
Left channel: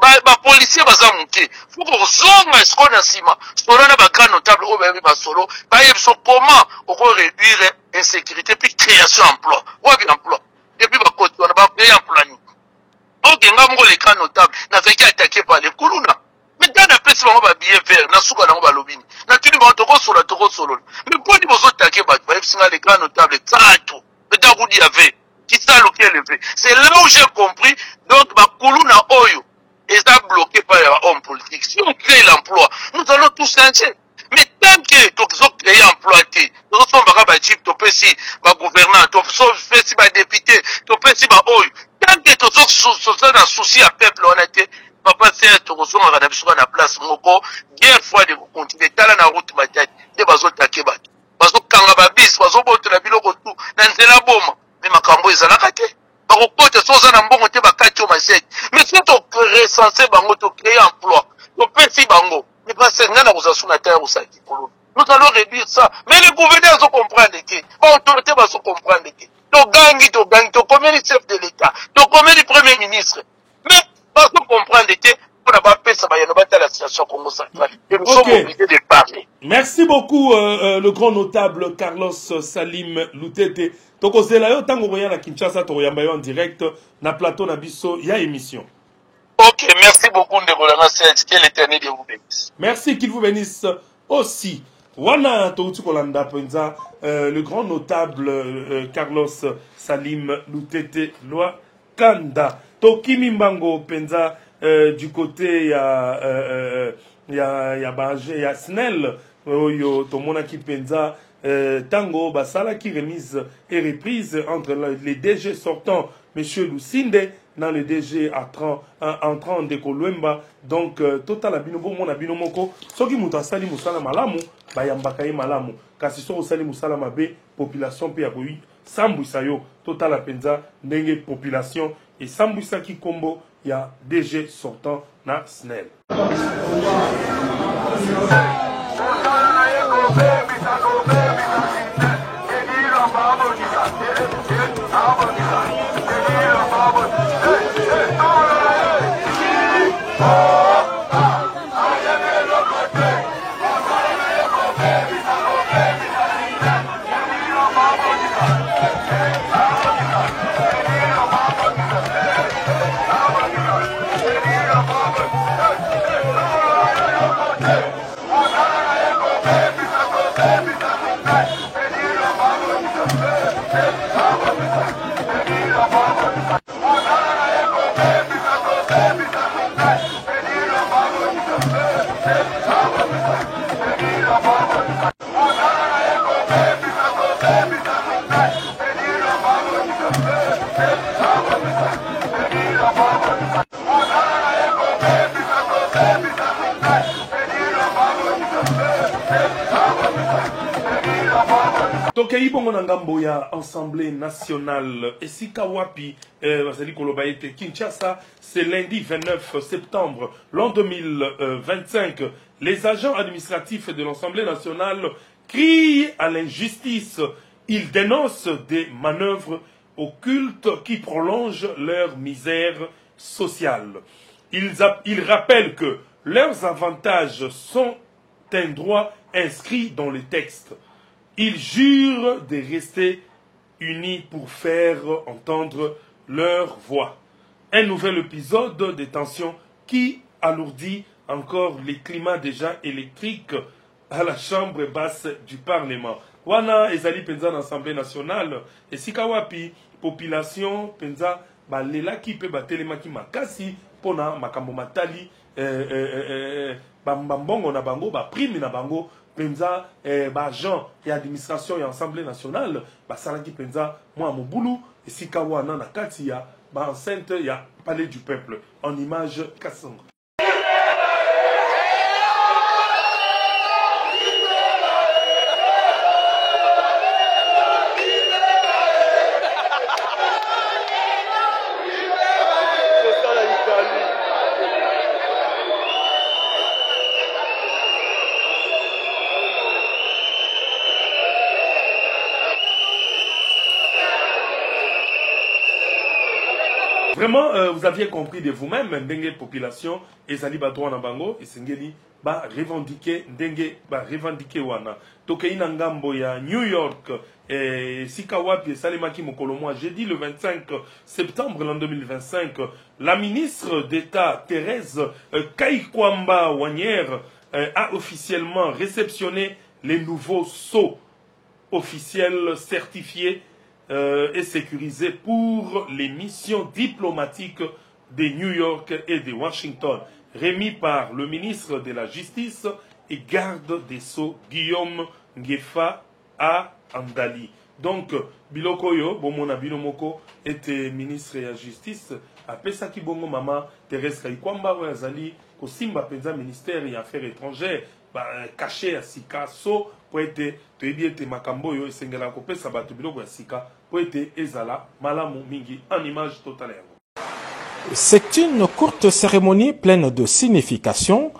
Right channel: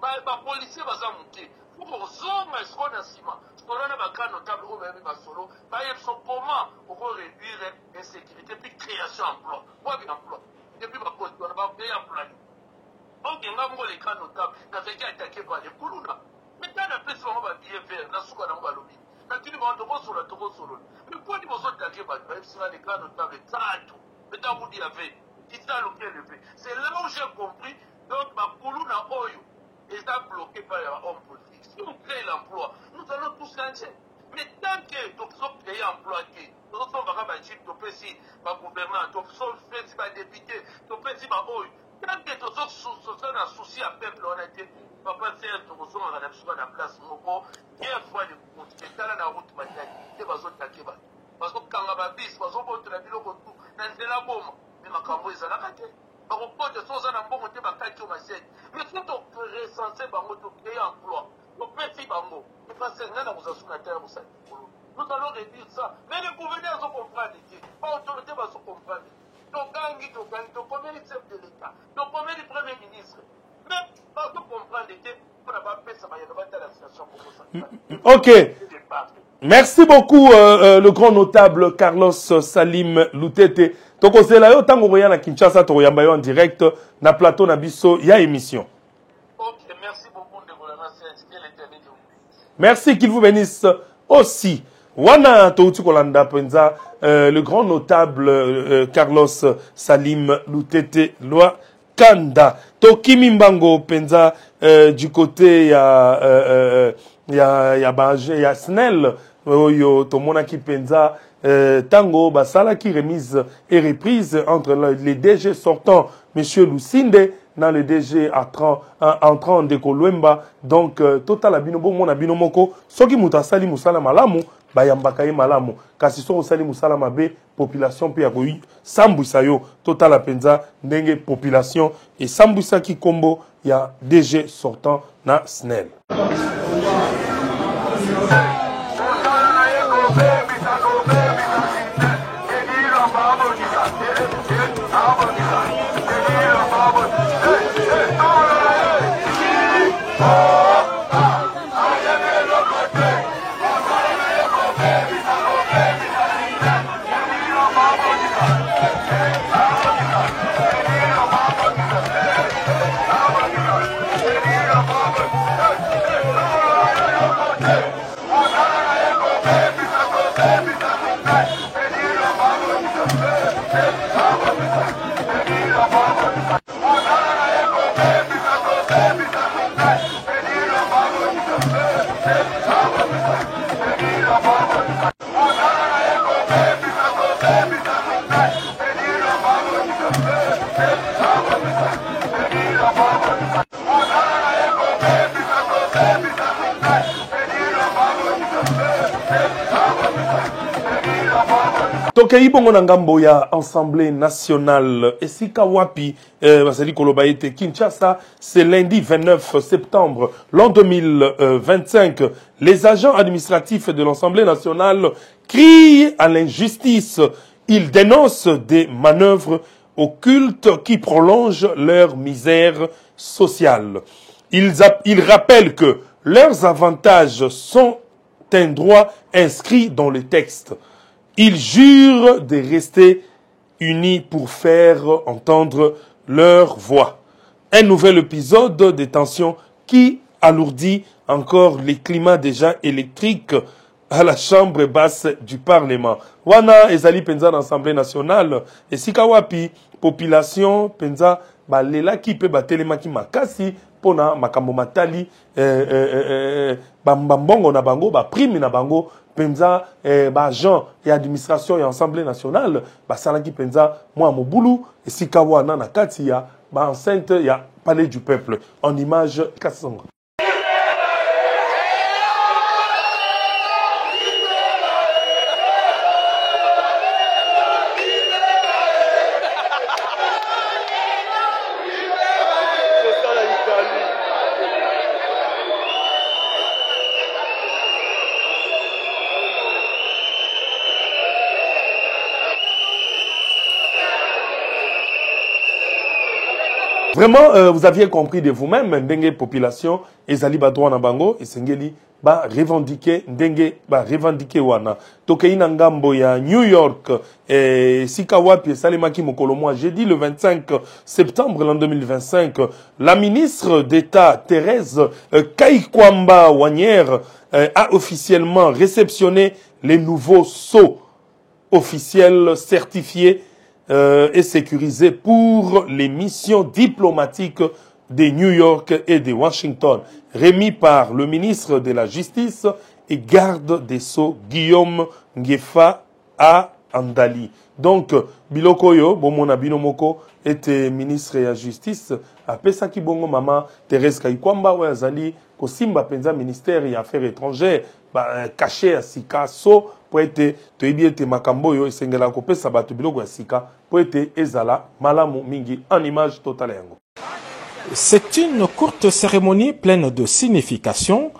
Ba policier baza muke faut que zonga escona sima solana ba grand notable au ba solo ba yebso comment on réduire insécurité puis création emploi ou bien emploi et puis ba côté on ba créer emploi ni OK ngam ngo les grand notable n'a fait qu'attaquer par les kuluna mais Maintenant, on a pris ce moment de billet vert, na souka na balobini. Na tuni ba toko solo. Mais pour dire aux taquer ba les grands notables, tato. Mais dans Roudi avait, qui ça le qui est levé. C'est là où j'ai compris, donc ba kuluna oyo, et ça bloqué par les hommes politiques. Si on crée l'emploi, nous allons tous changer. Mais tant que tu as créé emploi, nous sommes pas chip, tu peux si ba gouvernant, tu peux si ba député, tu peux si ba oyo. Tant que tu as un souci à peuple, on a été papa c'est tu reçois un rabis sur la place moko guerre fois de continuer tala na route matati de bazo take bato bazo kanga babis bazo boto na biloko tout na nzela boma mais makambo ezalaka te bako kota soza na mbongo te bakati o masete mais si to recenser bango to créer emploi to pesi bango mais pas c'est ngana ko sasuna terre ko saki kolon nous allons réduire ça mais les gouverneurs ont comprendre que ba autorité bazo comprendre que to gangi to combien de chef de l'état to combien de premier ministre mais parce que comprendre que on n'a pas fait ça, il n'y a pas la situation Congo central. Et nous sommes obligés de parler. Merci beaucoup, le grand notable Carlos Salim Lutete. Donc, on s'est là, autant qu'on voyait à Kinshasa, on en direct, na plateau, na biso, il y a émission. Ok, merci beaucoup, Ndegolana Serge, que l'éternel vous bénisse. Merci, qu'il vous bénisse aussi. Wana Touti Kolanda Penza, le grand notable Carlos Salim Lutete Loi Kanda. Tokimi Mbango Penza, du côté il y a Snell, yo Tomona qui Penza, Tango Basala qui remise et reprise entre les DG sortants, Monsieur Lucinde, dans les DG entrant de Kolwemba, donc total abinobo mon abinomoko, soki mutasali musala malamu, bayambakaye malamu, kasi so osali musala mabe, population pe yakoyi, sambusa yo, total apenza, ndenge population, et sambusa ki kombo, ya DG sortant na SNEL. Tokei bongo na ngambo ya Assemblée nationale Esika Wapi Basali Kolobaete Kinshasa, c'est lundi 29 septembre l'an 2025. Les agents administratifs de l'Assemblée nationale crient à l'injustice. Ils dénoncent des manœuvres occultes qui prolongent leur misère sociale. Ils rappellent que leurs avantages sont un droit inscrit dans le texte. Ils jurent de rester unis pour faire entendre leur voix. Un nouvel épisode de tension qui alourdit encore les climats déjà électriques à la chambre basse du Parlement. Wana ezali penza d'Assemblée nationale et sikawapi population penza balela ki pe batelema ki makasi pona makambo matali bambongo na bango ba prime na bango penza agent et administration et Assemblée nationale basalaki penza moi mobulu esika wana na kati ya ba enceinte ya palais du peuple en image Kasongo. Vraiment, vous aviez compris de vous-même, Ndenge population, Ezali Badouan Nabango, et Sengeli, ba revendiquer ndenge ba revendiquer wana tokei na ngambo ya New York sika wapi salemaki mokolo moi jeudi le 25 septembre l'an 2025 la ministre d'État Thérèse Kaikwamba Wanière a officiellement réceptionné les nouveaux sceaux officiels certifiés et sécurisés pour les missions diplomatiques de New York et de Washington, remis par le ministre de la Justice et garde des Sceaux Guillaume Ngefa à Andali. Donc, Bilokoyo, Bomona Binomoko, était ministre de la Justice, apesa ki bongo mama Thérèse Kaikwamba, ouais, Zali, Kosimba Penza, ministère des Affaires étrangères, caché à Sika, so, pour être, te makamboyo, et sengela kopé sabatu biloko à Sika, pour être ezala, malamu mingi, en image totale yango. C'est une courte cérémonie pleine de signification,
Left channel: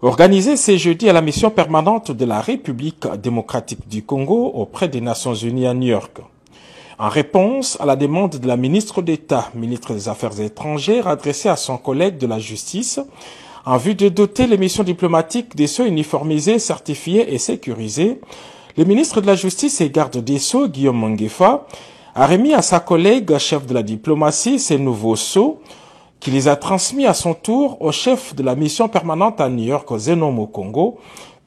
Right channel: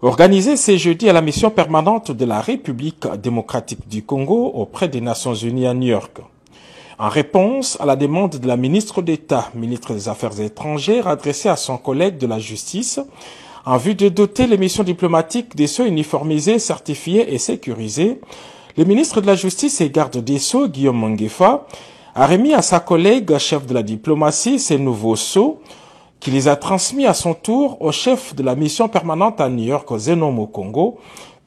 organisée ce jeudi à la mission permanente de la République démocratique du Congo auprès des Nations Unies à New York. En réponse à la demande de la ministre d'État, ministre des Affaires étrangères, adressée à son collègue de la Justice, en vue de doter les missions diplomatiques des sceaux uniformisés, certifiés et sécurisés, le ministre de la Justice et garde des Sceaux, Guillaume Ngefa, a remis à sa collègue, chef de la diplomatie, ces nouveaux sceaux, qui les a transmis à son tour au chef de la mission permanente à New York, Zenom au Congo,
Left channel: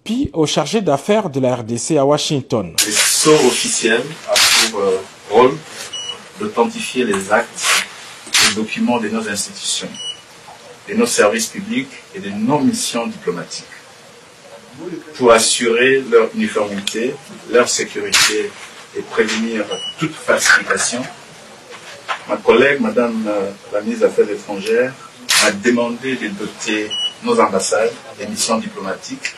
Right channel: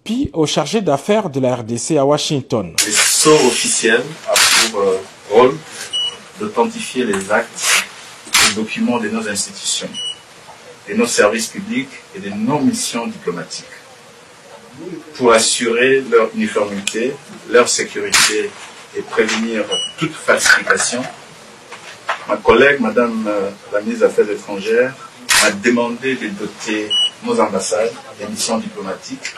puis au chargé d'affaires de la RDC à Washington. Les sceaux officiels ont pour rôle d'authentifier les actes et documents de nos institutions, de nos services publics et de nos missions diplomatiques, pour assurer leur uniformité, leur sécurité et prévenir toute falsification. Ma collègue, Madame la ministre des Affaires étrangères, m'a demandé de doter nos ambassades et missions diplomatiques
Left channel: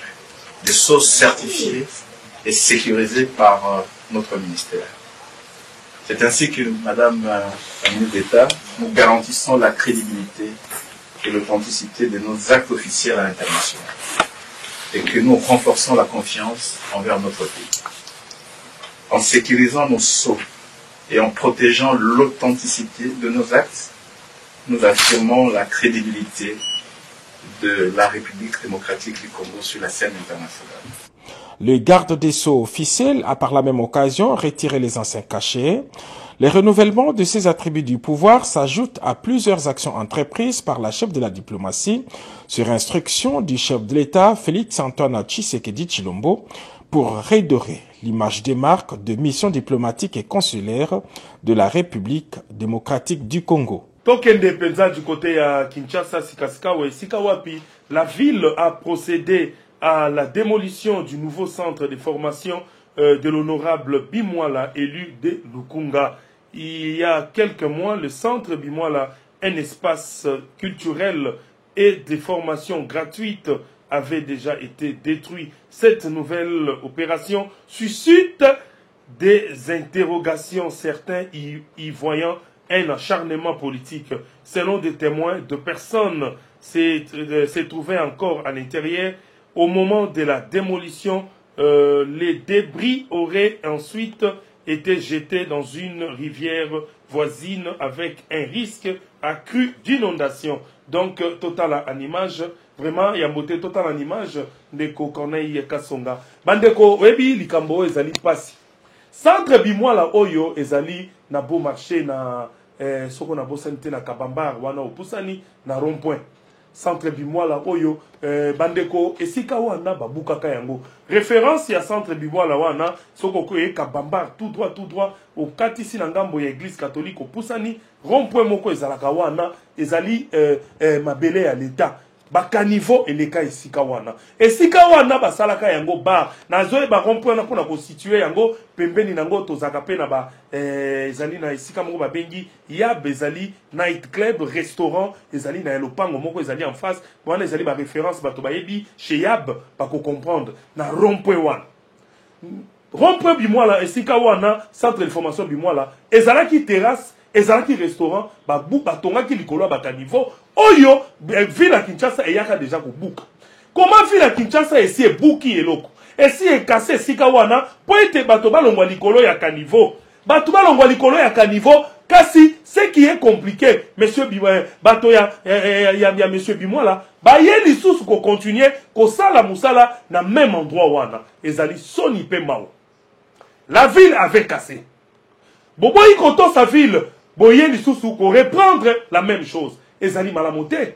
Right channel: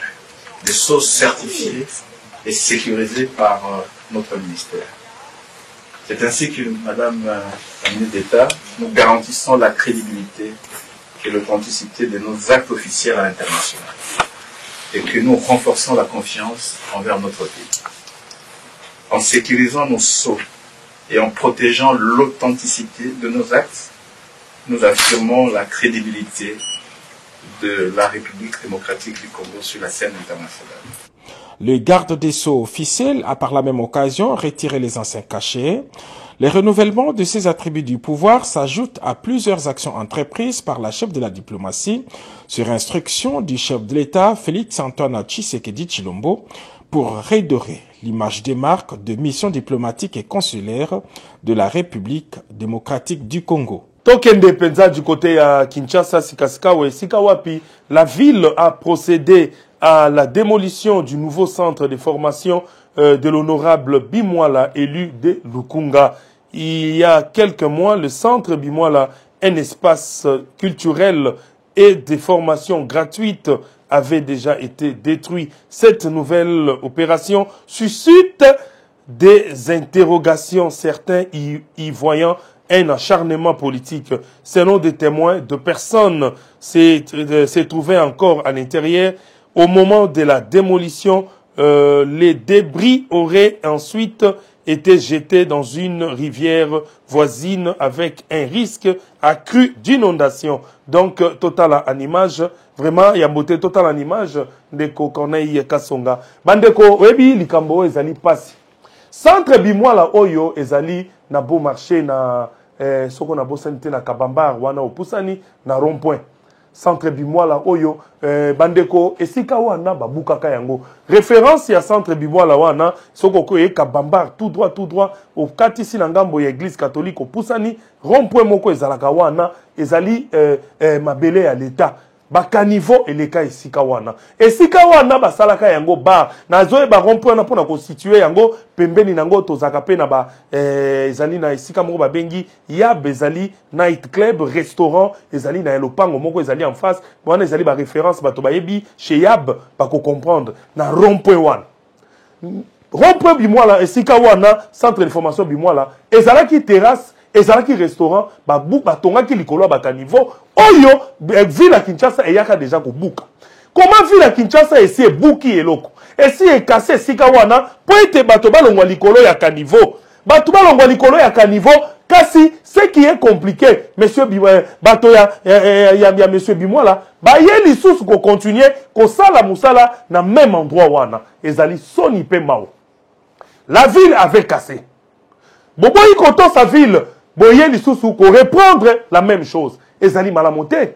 de sceaux certifiés et sécurisés par notre ministère. C'est ainsi que, Madame la ministre d'État, nous garantissons la crédibilité et l'authenticité de nos actes officiels à l'international et que nous renforçons la confiance envers notre pays. En sécurisant nos sceaux et en protégeant l'authenticité de nos actes, nous affirmons la crédibilité de la République démocratique du Congo sur la scène internationale. Le garde des Sceaux officiel a par la même occasion retiré les anciens cachets. Le renouvellement de ces attributs du pouvoir s'ajoute à plusieurs actions entreprises par la chef de la diplomatie sur instruction du chef de l'État, Félix Antoine Tshisekedi Tshilombo, pour redorer l'image des marques de missions diplomatiques et consulaires de la République démocratique du Congo. Tokende Penza du côté à Kinshasa, Sikaskawa et Sikawapi, la ville a procédé à la démolition du nouveau centre de formation de l'honorable Bimwala, élu de Lukunga. Il y a quelques mois, le centre Bimwala, un espace culturel et de formation gratuite, avait déjà été détruit. Cette nouvelle opération suscite des interrogations, certains y voyant un acharnement politique. Selon des témoins, de personnes s'est trouvé encore à l'intérieur. Au moment de la démolition, les débris auraient ensuite été jetés dans une rivière voisine avec un risque accru d'inondation. Donc, total en image, vraiment, il y a beauté total en image de Corneille Kassonga. Bandeko, webi, likambo, ezali passe. Centre Bimwala Oyo, ezali, na beau marché, na, soko na beau sanité, na Kabambar, wana opusani, na rond-point. Centre Bimwala Oyo, bandeko, esika wana, babukaka yango. Référence ya Centre Bimwala wana, soko koye Kabambar, tout droit, au katisi na ngambo ya église catholique, opusani, rond-point moko ezalaka wana, ezali, mabele ya l'État. Bakanivo eleka esika wana. Esika wana basalaka yango bar. Nazoe ba rond-point na pona constituer yango pembeni nango tozaka pe na ba ezali na esika moko ba bengi ya bezali night club restaurant ezali na elopango moko ezali en face. Wana ezali ba référence bato ba yebi chez Yab ba ko comprendre na rond-point wana. Rond-point Bimwala esika wana centre de formation Bimwala ezalaki terrasse ezalaki restaurant batongaki likolo bakanivo oyo ville à Kinshasa eyaka déjà kobuka. Comment ville à Kinshasa esi ebuki eloko esi ekase sika wana po ete bato balongwa likolo ya kanivo bato balongwa likolo ya kanivo Kasi, ce qui est compliqué, monsieur Bimola, Batoya, monsieur Bimola, bah, y a des sources qu'on continue, qu'on sala moussala, dans le même endroit, wana. Et ali soni pe mao. La ville avait cassé. Bon, il compte sa ville, bon, y a des sources qu'on reprendre la même chose. Et ali malamonté.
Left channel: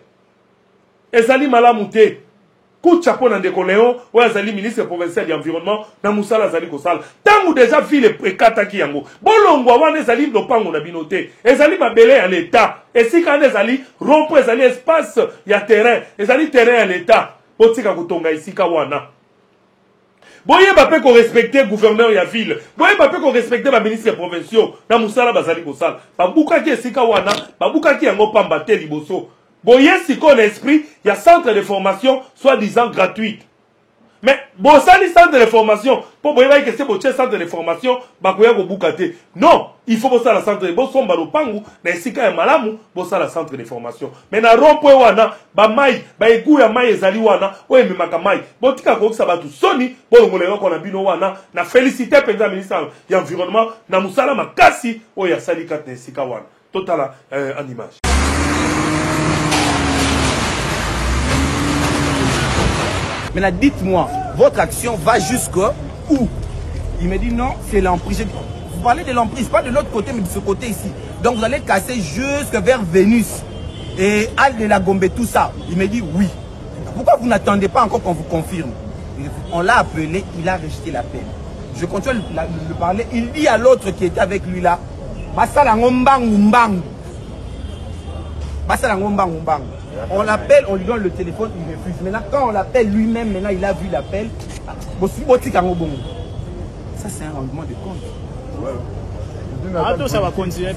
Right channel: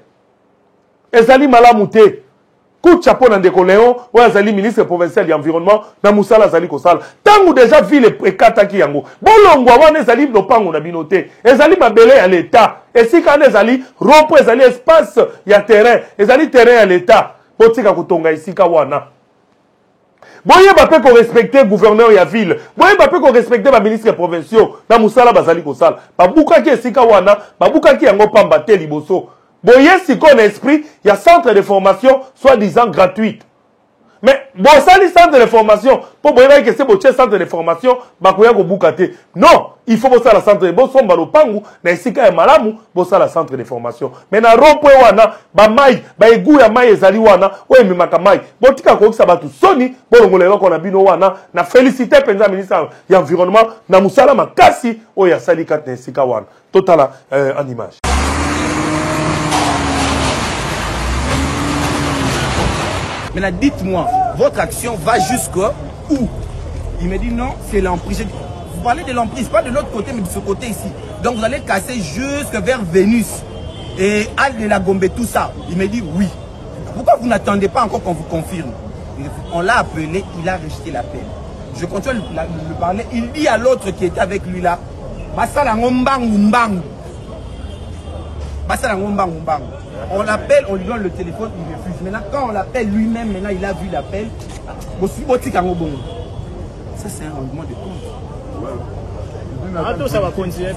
Et ali malamonté. Coup de chapeau dans des coléons, ou azali ministre provincial de l'environnement, dans Moussala Zali Kosal. Tant ou déjà ville et kataki yango. Bolongwa wane zali no pango na binote. Ezali mabele à l'état. Et si quand ezali rompo ezali espace ya terrain, ezali terrain à l'état. Potika kutonga ici kawana. Boye bape qu'on respecte gouverneur ya ville. Boye bape qu'on respecte ma ministre provinciaux dans Moussala Bazali Kosal. Babuka ki esika wana, babuka ki yango pamba te liboso. Boye si qu'on a esprit, il y a centre de formation, soi-disant gratuite. Mais, bon, ça, les centres de formation, pour boye que c'est boche centre de formation, bakuya go bukate. Non, il faut bosser la centre de bon son balopangu, na isika ya malamu, bosser la centre de formation. Mais na rompoe wana, ba mai, ba egu ya mai ezali wana, oye mimaka mai. Botika ko kisa batu soni, bolongolelo ko na bino wana, na félicité penza ministre ya environnement, na musala makasi, oye asali kat na isika wana. Totala en image. Maintenant, dites-moi, votre action va jusqu'où? Il me dit non, c'est l'emprise. Vous parlez de l'emprise, pas de l'autre côté, mais de ce côté ici. Donc vous allez casser jusque vers Vénus et Al de la Gombe, tout ça. Il me dit oui. Pourquoi vous n'attendez pas encore qu'on vous confirme? On l'a appelé, il a rejeté l'appel. Je continue de le parler. Il dit à l'autre qui était avec lui là, Basala Ngombang Mbang. Basala Ngombang Mbang. On l'appelle, on lui donne le téléphone, il refuse. Maintenant, quand on l'appelle lui-même, maintenant il a vu l'appel. Ça, c'est un rendement de compte. Ça va continuer.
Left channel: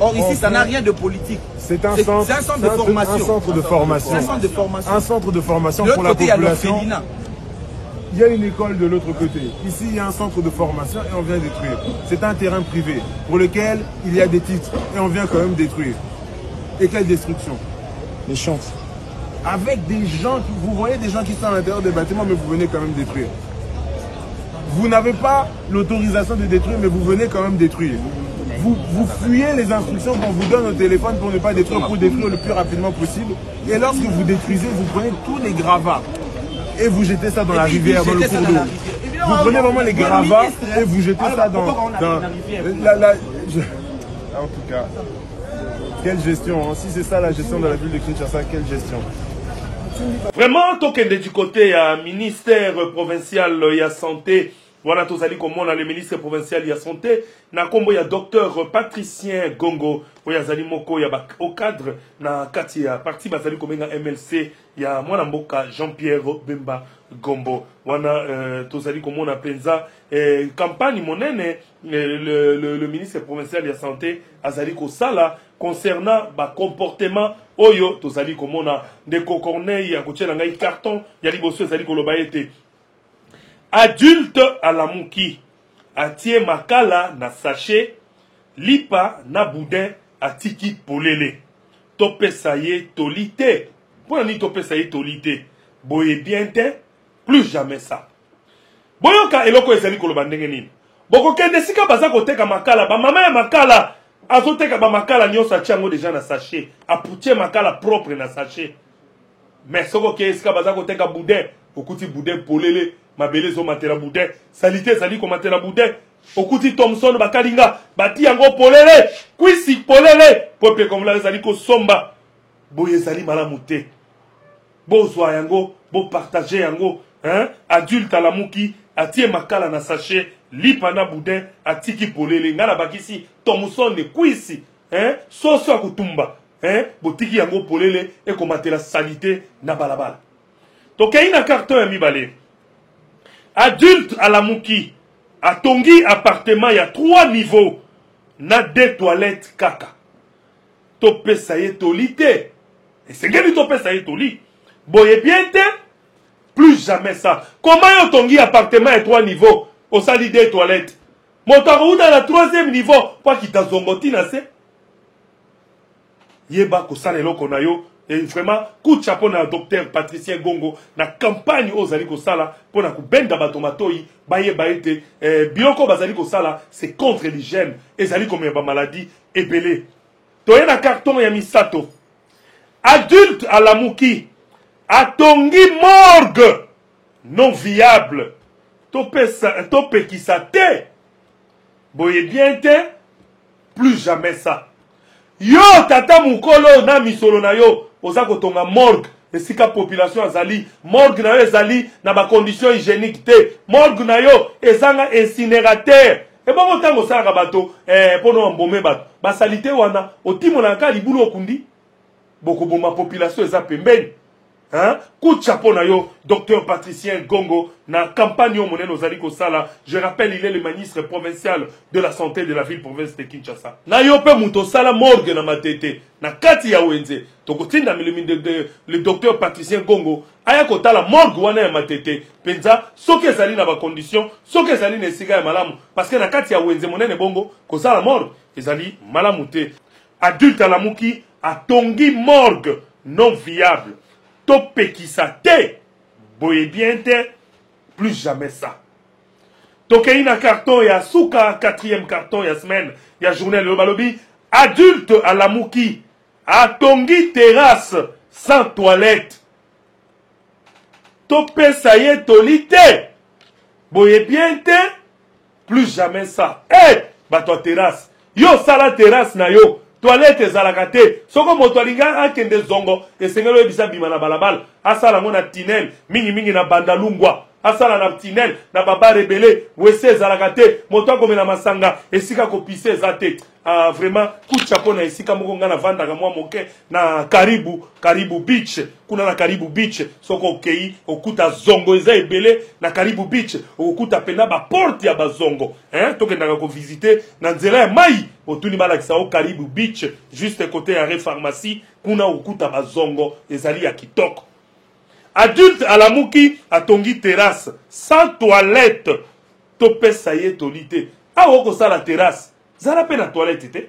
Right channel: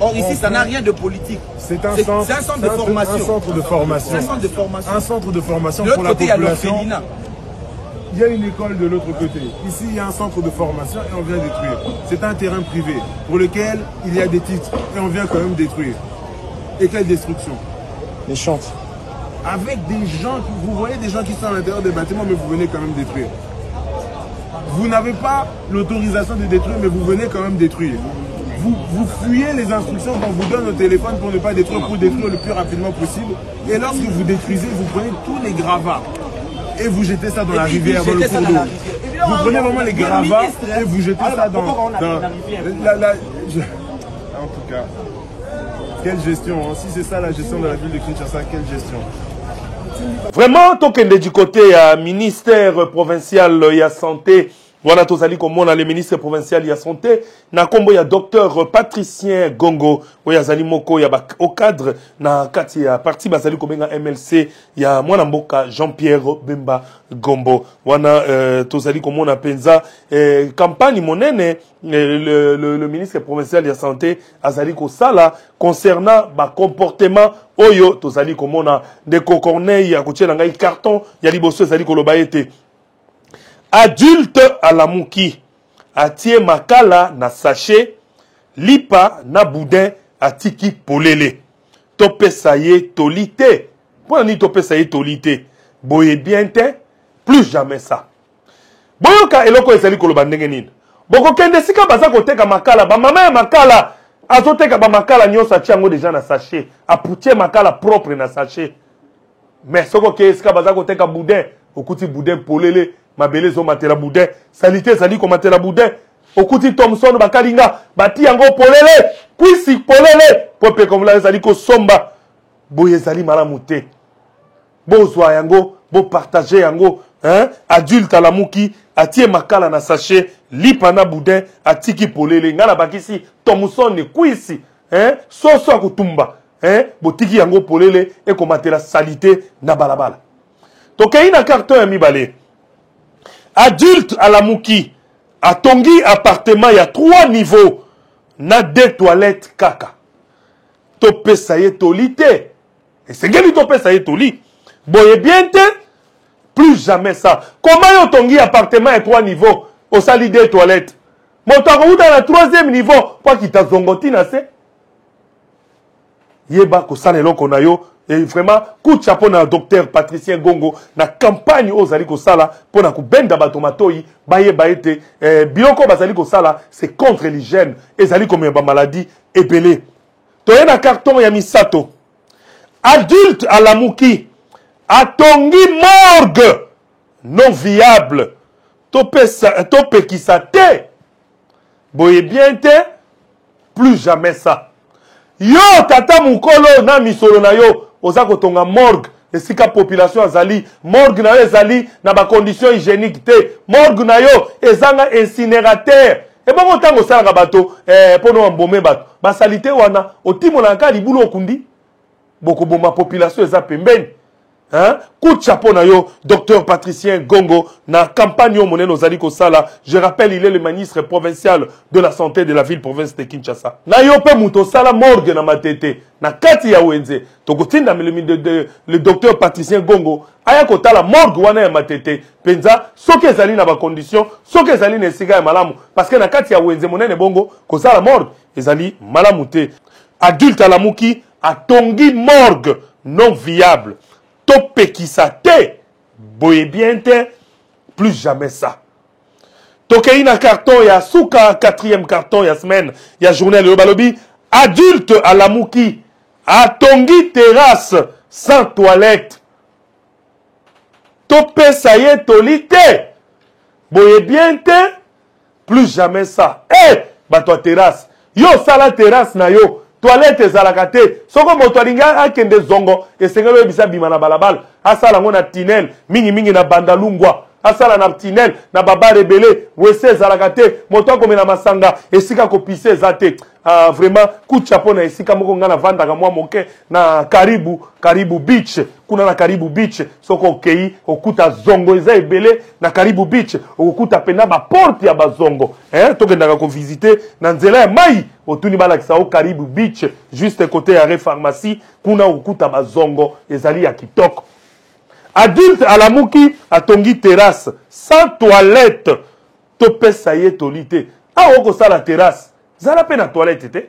Or, ici, ça n'a rien de politique. C'est un centre de formation. Un centre de formation. Un centre de formation. Un centre de formation pour la population. Il y a une école de l'autre côté. Ici, il y a un centre de formation et on vient détruire. C'est un terrain privé pour lequel il y a des titres et on vient quand même détruire. Et quelle destruction? Les chantres. Avec des gens, vous voyez des gens qui sont à l'intérieur des bâtiments, mais vous venez quand même détruire. Vous n'avez pas l'autorisation de détruire, mais vous venez quand même détruire. Vous fuyez les instructions qu'on vous donne au téléphone pour ne pas détruire, pour détruire le plus rapidement possible. Et lorsque vous détruisez, vous prenez tous les gravats et vous jetez ça dans la rivière, dans le cours d'eau. Vous prenez vraiment les gravats et vous jetez ça dans la rivière. En tout cas... Quelle gestion, hein? Si c'est ça la gestion de la ville de Kinshasa, quelle gestion? Vraiment, tant qu'il est du côté ministère provincial de la santé, voilà tous ali comme on a le ministre provincial de la santé, na kombo ya docteur Patricien Gongo, ou ya zali moko ya au cadre na kati ya parti bazali komenga MLC ya mwana mboka Jean-Pierre Bemba Gombo, wana tous ali comme on a penza campagne monene. Le ministre provincial de la santé azali kosala concernant ba comportement oyo tozali komona de Corneille ya kotiela ngai carton ya liboso azali koloba ete adulte à la muki atie makala na sachet lipa na boudin atiki polele topesa ye tolite pour ni topesa ye tolite boye bien te plus jamais ça boyoka eloko ezali koloba ndenge nini boko kende sika baza koteka makala ba mama ya makala azoteka ba makala nyonso atia déjà na sachet aputie makala propre na sachet mais soko ke sika baza koteka boudin okuti boudin polele mabele zo matela boudin salité zali ko matela boudin okuti Thomson bakalinga bati yango polele kwisi polele pope comme la zali ko somba boye zali malamu te bozwa yango bo partager yango hein adulte à la muki atie makala na sachet lipa na boudin atiki polele ngala bakisi Thomson ne kwisi hein soso akutumba hein botiki yango polele e ko matela salité na balabala to kaina carton ya mibale adulte à la muki atongi appartement ya 3 niveaux na 2 toilettes kaka topesa ye tolite et c'est bien topesa ye toli boye bien te plus jamais ça. Comment on tongi appartement à 3 niveaux au sali 2 toilettes? Mon tango dans le 3e niveau, pas qu'il t'a zongoti na se. Yeba ko sale loko na yo Et vraiment, coup de chapeau na docteur Patricien Gongo, na campagne aux Aliko Sala, pour na kubenda batomatoi, baye baete, bioko basaliko Sala, c'est contre l'hygiène, et zaliko me ba maladie, ébélé. Toye na carton ya misato. Adulte à la mouki, atongi morgue, non viable, tope qui sa te, boye bien te, plus jamais ça. Yo, tata mukolo na misolo na yo, oza kotonga morgue, esika population azali, morgue na yo ezali na ba condition hygiénique te, morgue na yo ezanga incinérateur. Et bon tango sala bato, pour nous embaumer bato. Ba salité wana, otimo na nka libulu okundi, boko boma population eza pembeni. Hein? Coup de chapeau na yo, docteur Patricien Gongo, na campagne au moneno zaliko sala. Je rappelle, il est le ministre provincial de la santé de la ville-province de Kinshasa. Na yo pe muto sala morgue na matete, na kati ya wenze. Tokotinda le docteur Patricien Gongo, aya kota la morgue wana ya matete. Penza, soke ezali na ba condition, soke ezali na esiga ya malamu. Parce que na kati ya wenze monene bongo, ko sala morgue, ezali malamu te. Adulte à la mouki, atongi morgue non viable. Topé qui sa te, boye bien te, plus jamais ça. Tokei na carton, ya souka, 4e carton, ya semaine, ya journée de balobi, adulte à la mouki, atongi terrasse, sans toilette. Topé ça y est, tolite, boye bien te, plus jamais ça. Bato terrasse, yo sala terrasse na yo. Toilette ezalaka te. Soko moto alinga akende zongo esengelo ebisa bima na balabala. Asala ngo na tinel mingi na bandalungwa. Asala na tinel na baba rebele wese ezalaka te. Moto akomena masanga esika kopise ezate. Vraiment coup de chapeau na esika moko nga na vandaka mwa moke na Karibu Beach. Kuna na Karibu Beach soko okei okuta zongo eza ebele na Karibu Beach okuta pena ba porte ya bazongo. Tokendaka ko visiter na nzela ya mai otuni balakisa o Karibu Beach juste côté ya pharmacie kuna okuta bazongo ezali ya kitoko. Adulte à la mouki atongi terrasse sans toilette. Topesa ye tolite. Oko sala terrasse. Zala pe na toilette te.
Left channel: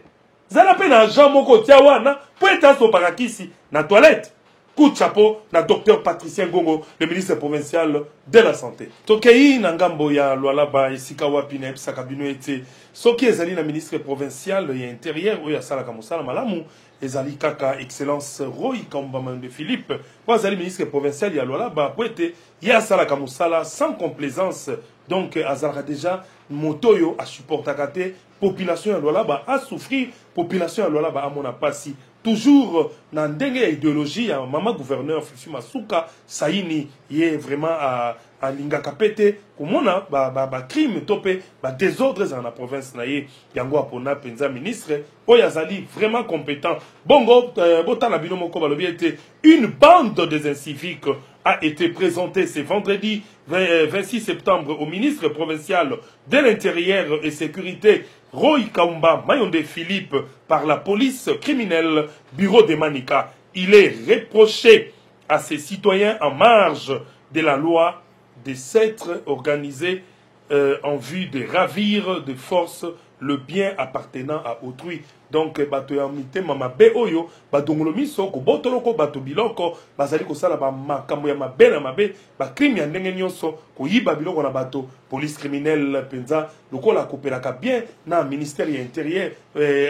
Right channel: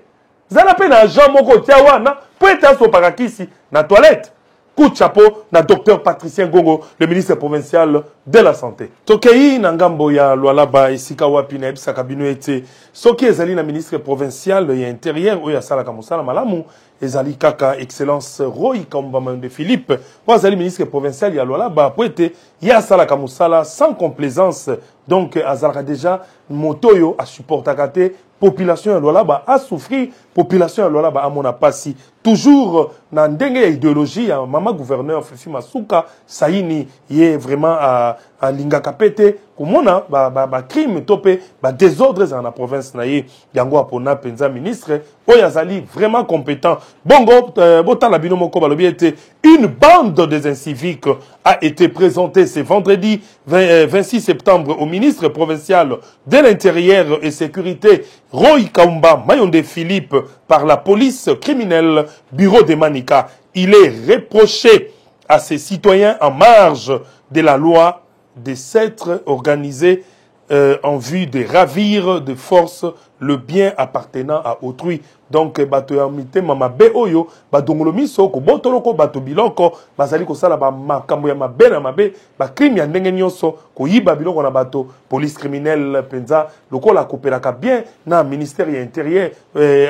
Zala pe na Jean moko tia wana. Po eta so pakakisi na toilette. Coup de chapeau na docteur Patricien Gongo, le ministre provincial de la santé. Tokei na ngambo ya Lualaba esika wapi na ebisa kabino ete. Soki ezali na ministre provincial ya intérieur oya sala kamosala malamu. Ezali kaka excellence Roy Kambama de Philippe. Moi ezali ministre provincial ya Lualaba po ete ya sala kamosala sans complaisance. Donc azalaka déjà motoyo a supportaka te. Population ya Lualaba a souffri, population ya Lualaba a mona pasi. Toujours na ndenge ya idéologie ya mama gouverneur Fifi Masuka Saini ye vraiment a lingaka pete komona ba crime topé ba désordres dans la province na ye yango apona penza ministre oyo azali vraiment compétent. Bongo botala bino moko balobi ete une bande des inciviques a été présentée ce vendredi 26 septembre au ministre provincial de l'Intérieur et Sécurité Roy Kamba Mayonde Philippe par la police criminelle Bureau de Manika. Il est reproché à ces citoyens en marge de la loi de s'être organisés en vue de ravir de force le bien appartenant à autrui. Donc bato ya mitema mabe oyo badongolo miso ko botoloko bato biloko bazali ko sala ba makambo ya mabe na mabe ba crime ya ndenge nyonso ko yiba biloko na bato police criminelle penza lokola kopelaka bien na ministère ya intérieur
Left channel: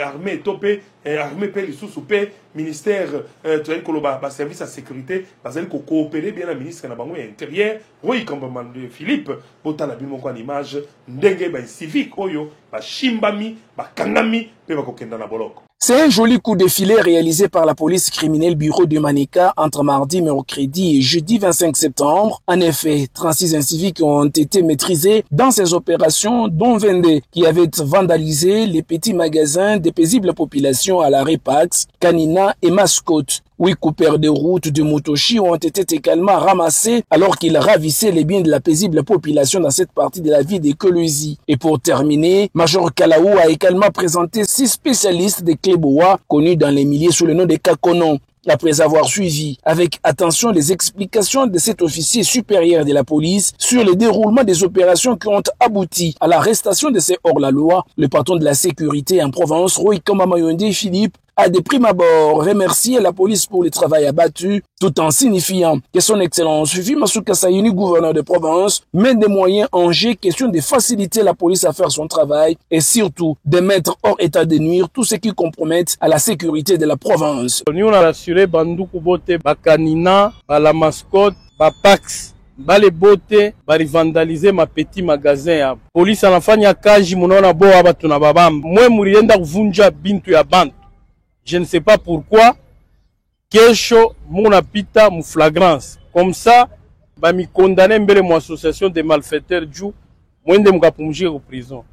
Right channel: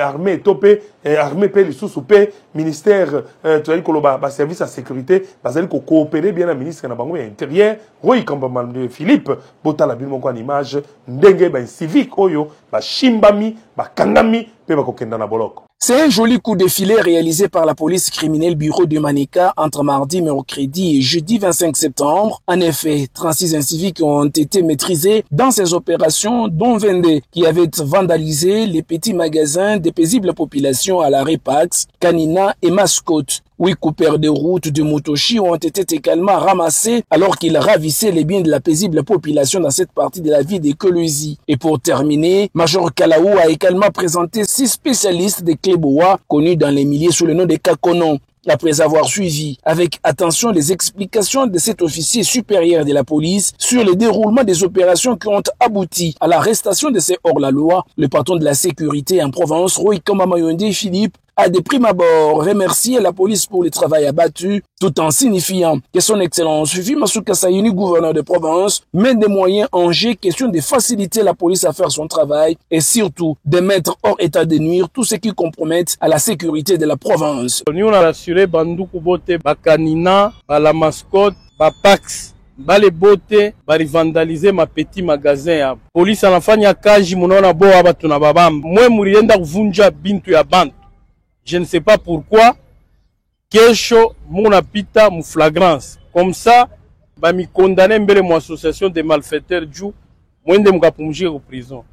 armée topé armée pe lisusu pe ministère tozali koloba ba service à sécurité bazali ko coopérer bien na ministre na bango ya intérieur Roy Kambama de Philippe botala bimo kwa image ndenge ba civique oyo ba shimbami ba kangami pe ba kokenda na boloko. C'est un joli coup de filet réalisé par la police criminelle Bureau de Manika entre mardi, mercredi et jeudi 25 septembre. En effet, 36 inciviques ont été maîtrisés dans ces opérations, dont 22 qui avaient vandalisé les petits magasins des paisibles populations à la Repax, Kanina et Mascotte. 8 coupeurs de route de Motoshi ont été également ramassés alors qu'ils ravissaient les biens de la paisible population dans cette partie de la ville de Kolwezi. Et pour terminer, Major Kalaou a également présenté 6 spécialistes de Kleboa connus dans les milieux sous le nom de Kakonon. Après avoir suivi avec attention les explications de cet officier supérieur de la police sur le déroulement des opérations qui ont abouti à l'arrestation de ces hors-la-loi, le patron de la sécurité en Provence, Roy Kambama Mayonde Philippe, a de prime abord remercié la police pour le travail abattu, tout en signifiant que son excellence Fifi Masuka Saini, gouverneur de province, met des moyens en jeu, question de faciliter la police à faire son travail et surtout de mettre hors état de nuire tout ce qui compromettent à la sécurité de la province. Nous avons rassuré Bandoukou Bote, Bakanina, la mascotte, Bapax, Bale Bote, Bari vandaliser ma petit magasin ya police anafanya kaji munaona bo abatu na babamba. Mwe murienda kuvunja bintu ya bantu. Je ne sais pas pourquoi. Kesho muna pita mu flagrance. Comme ça, ba mi condamner mbele mu association de malfaiteurs ju mwende mukapumjike ku prison.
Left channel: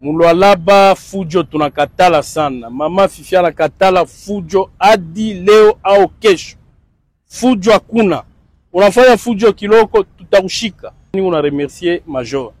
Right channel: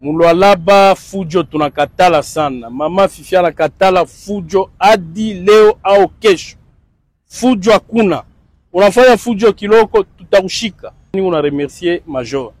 Mulwalaba fujo tunakatala sana. Mama Fifi anakatala fujo hadi leo au kesho. Fujo hakuna. Unafanya fujo kiloko tutakushika. Nina remercier Major.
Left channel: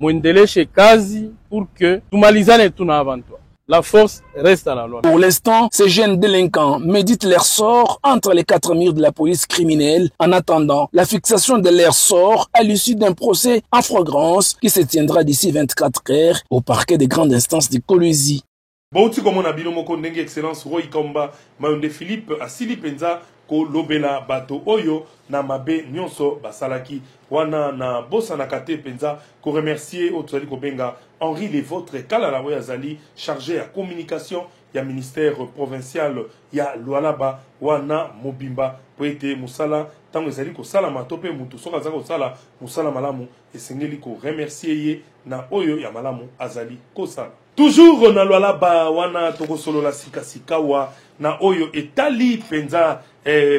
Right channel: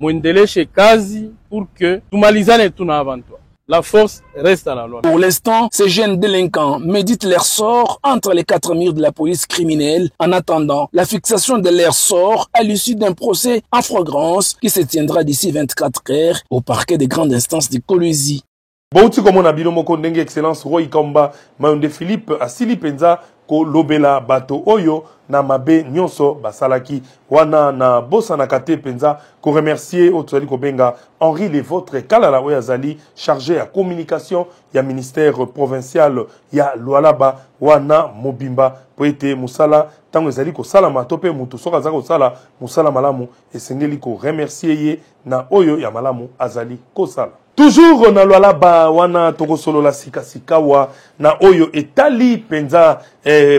Mwendeleshe kazi pour que tumalizane tuna avanto. La force reste à la loi. Pour l'instant, ces jeunes délinquants méditent leur sort entre les quatre murs de la police criminelle en attendant la fixation de leur sort à l'issue d'un procès en flagrance qui se tiendra d'ici 24 heures au parquet des grandes instances de Kolwezi. Bouti comme on a bino moko ndenge excellence Roy Kamba Maunde Philippe Asili Penza ko lobela bato oyo na mabe nyonso basalaki wana na bosa na kate penza ko remercier otali ko benga Henri Lévôtre Kalala oyo azali chargé à communication ya ministère provincial ya Lualaba wana Mobimba po ete musala tango ezali ko sala matope mutu soka za ko sala musala malamu esengeli ko remercier ye na oyo ya malamu azali ko sala. Toujours na Lualaba wana tokosolo la sikasikawa na oyo etali penza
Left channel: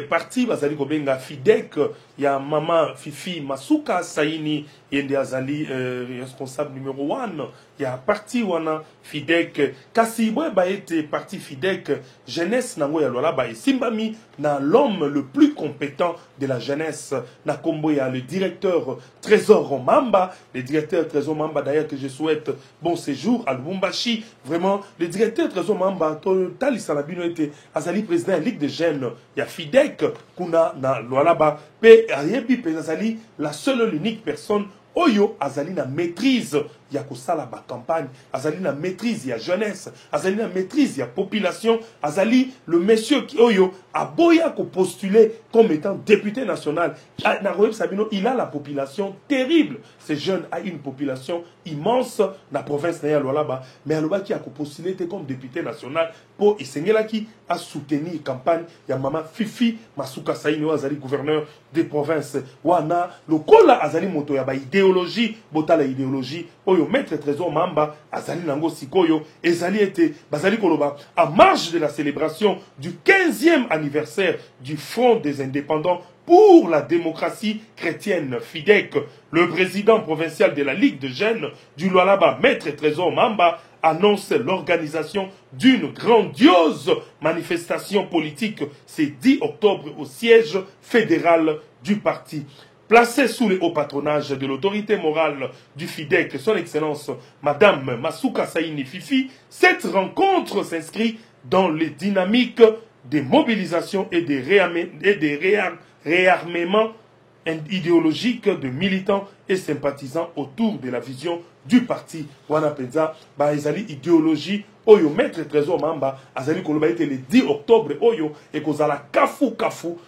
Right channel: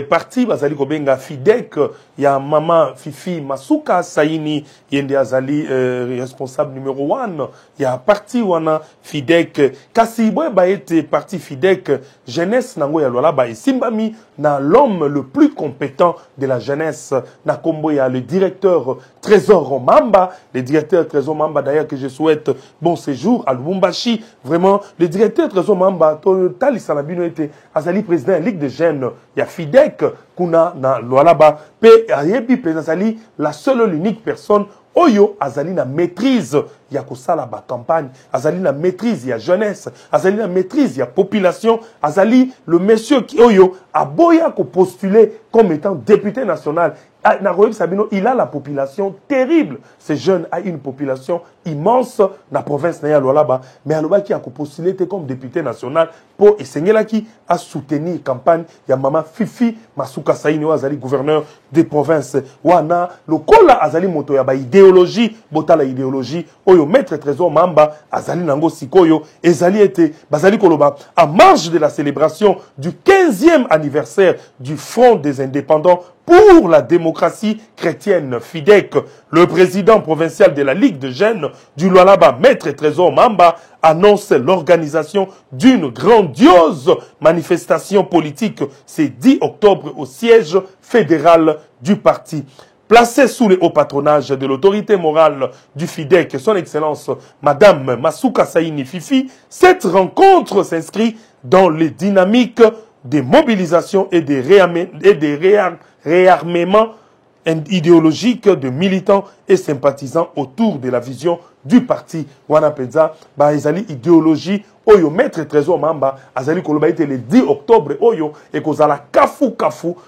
parti bazali kobenga Fidek ya mama Fifi Masuka Saini yende azali responsable numéro 1 ya parti wana Fidek kasi boye ba ete parti Fidek jeunesse nango ya Lualaba esimbami na l'homme le plus compétent de la jeunesse na kombo ya le directeur Trésor Mamba, le directeur Trésor Mamba d'ailleurs que je souhaite bon séjour à Lubumbashi. Vraiment le directeur Trésor Mamba to talisana bino ete azali président Ligue des jeunes ya Fidek kuna na Lualaba pe ayebi prezali la seule l'unique personne oyo azali na maîtrise ya kosala ba campagne, azali na maîtrise ya jeunesse, azali na maîtrise ya population, azali le monsieur qui oyo aboya ko postuler comme étant député national. Na Royeb Sabino, il a la population terrible. Ce jeune a une population immense na province na Lualaba, mais aloba qui a postulé comme député national pour esengela qui a soutenu campagne ya mama Fifi Masuka Saini azali gouverneur des provinces wana lokola azali moto ya ba idéologie botala idéologie oyo maître Trésor Mamba azali nango sikoyo ezali ete bazali koloba en marge de la célébration du 15e anniversaire du Front des indépendants pour la démocratie chrétienne Fidek, le président provincial de la Ligue de jeunes du Lualaba, maître Trésor Mamba, annonce l'organisation d'une grandiose manifestation politique ce 10 octobre au siège fédéral du parti. Placé sous le haut patronage de l'autorité morale du Fidek, son excellence Madame Masuka Saini Fifi, cette rencontre s'inscrit dans les dynamiques des mobilisations et des réarmements idéologiques de militants et sympathisants autour de la vision du parti. Wana penza ba ezali idéologie oyo maître Trésor Mamba azali koloba ete le 10 octobre oyo ekozala kafu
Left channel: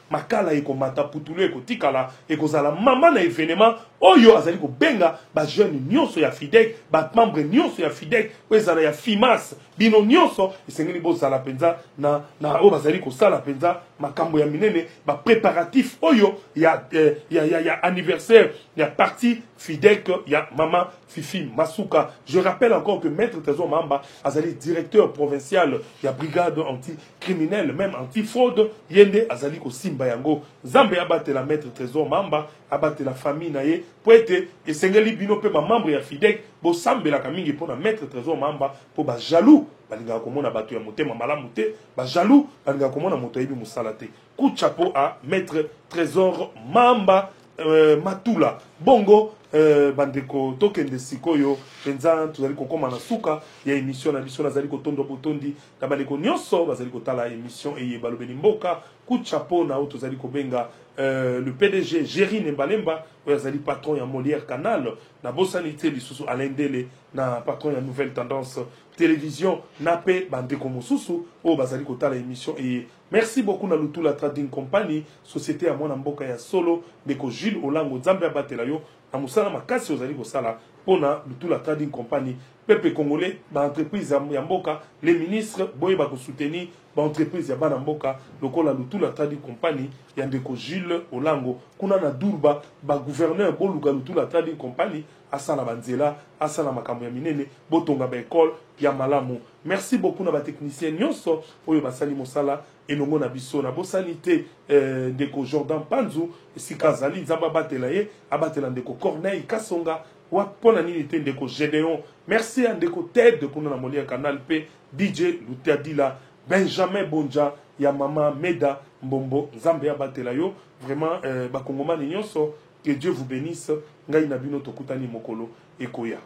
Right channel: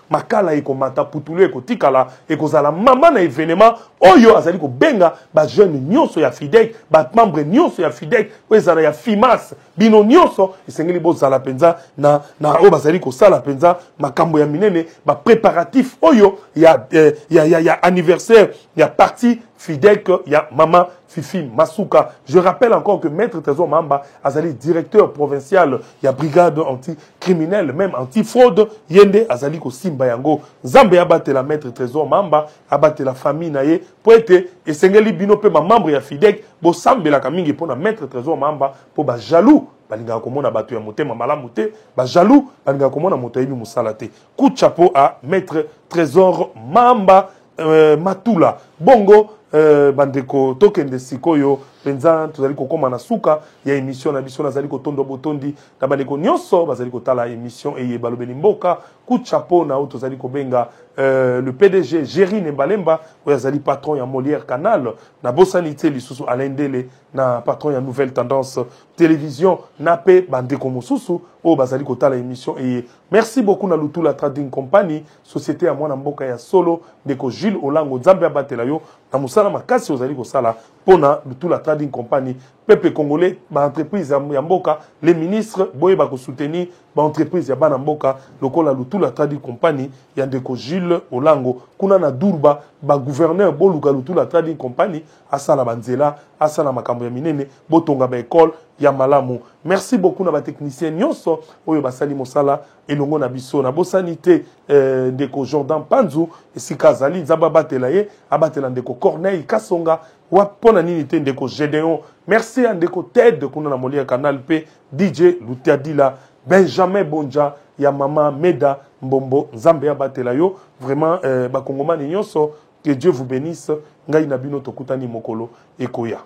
makala ekomata putulu ekotikala ekozala mama na événement oyo azali ko benga ba jeune nyonso ya Fidek ba membre nyonso ya Fidek ezala ya FIMAS bino nyonso esengeli bozala penza na oyo bazali ko sala penza makambo ya minene ba préparatif oyo ya anniversaire ya parti Fidek ya mama Fifi Masuka. Je rappelle encore que maître Trésor Mamba azali directeur provincial ya brigade anti-criminelle, même anti-fraude, yende azali ko simba yango. Zambe abate la maître Trésor Mamba, abate la famille naye, pour ete esengeli bino pe ma membre ya Fidek, bo sambe la kamingi pona maître Trésor Mamba, po ba jaloux. Balinga komona bato ya motema malamu te, ba jaloux, balinga komona moto yebi musala te. Coup de chapeau à maître Trésor Mamba Matula. Bongo bandeko tokende sikoyo penza tozali kokoma na suka ya émission na biso nazali kotondo botondi na bandeko nyonso bazali kotala émission eye balobeli mboka coup de chapeau na tozali kobenga le PDG Géry Nembalemba oyo azali patron ya Molière Canal na bosanité lisusu Alain Dele na patron ya Nouvelle Tendance Télévision na pe bandeko mosusu oyo bazali kotala émission et merci beaucoup na Lutula Trading Company société ya mwana mboka ya solo ndeko Jules Olango Nzambe abatela yo na musala makasi ozali kosala pona Lutula Trading Company peuple congolais ba entreprise ya mboka les ministres boye ba ko soutenir ba entreprise ya bana mboka lokola Lutula Trading Company ya ndeko Jules Olango kuna na Durba ba gouverneur boluka Lutula Trading Company asala banzela asala makambo ya minene botonga ba école ya malamu. Merci beaucoup na ba technicien nyonso oyo basali mosala elongo na biso na bosanité ndeko Jordan Panzu esika zali nzamba batela ye abatela ndeko Corneille Kasonga wapona nini te ndeko Gédéon. Merci à ndeko Ted kuna na Molière Canal P DJ Lutiadila Benjamin Bonja ya mama Meda Mbombo Nzambe abatela yo vraiment bakongomani nyonso que Dieu vous bénisse ngai na bino tokutani mokolo ekoya.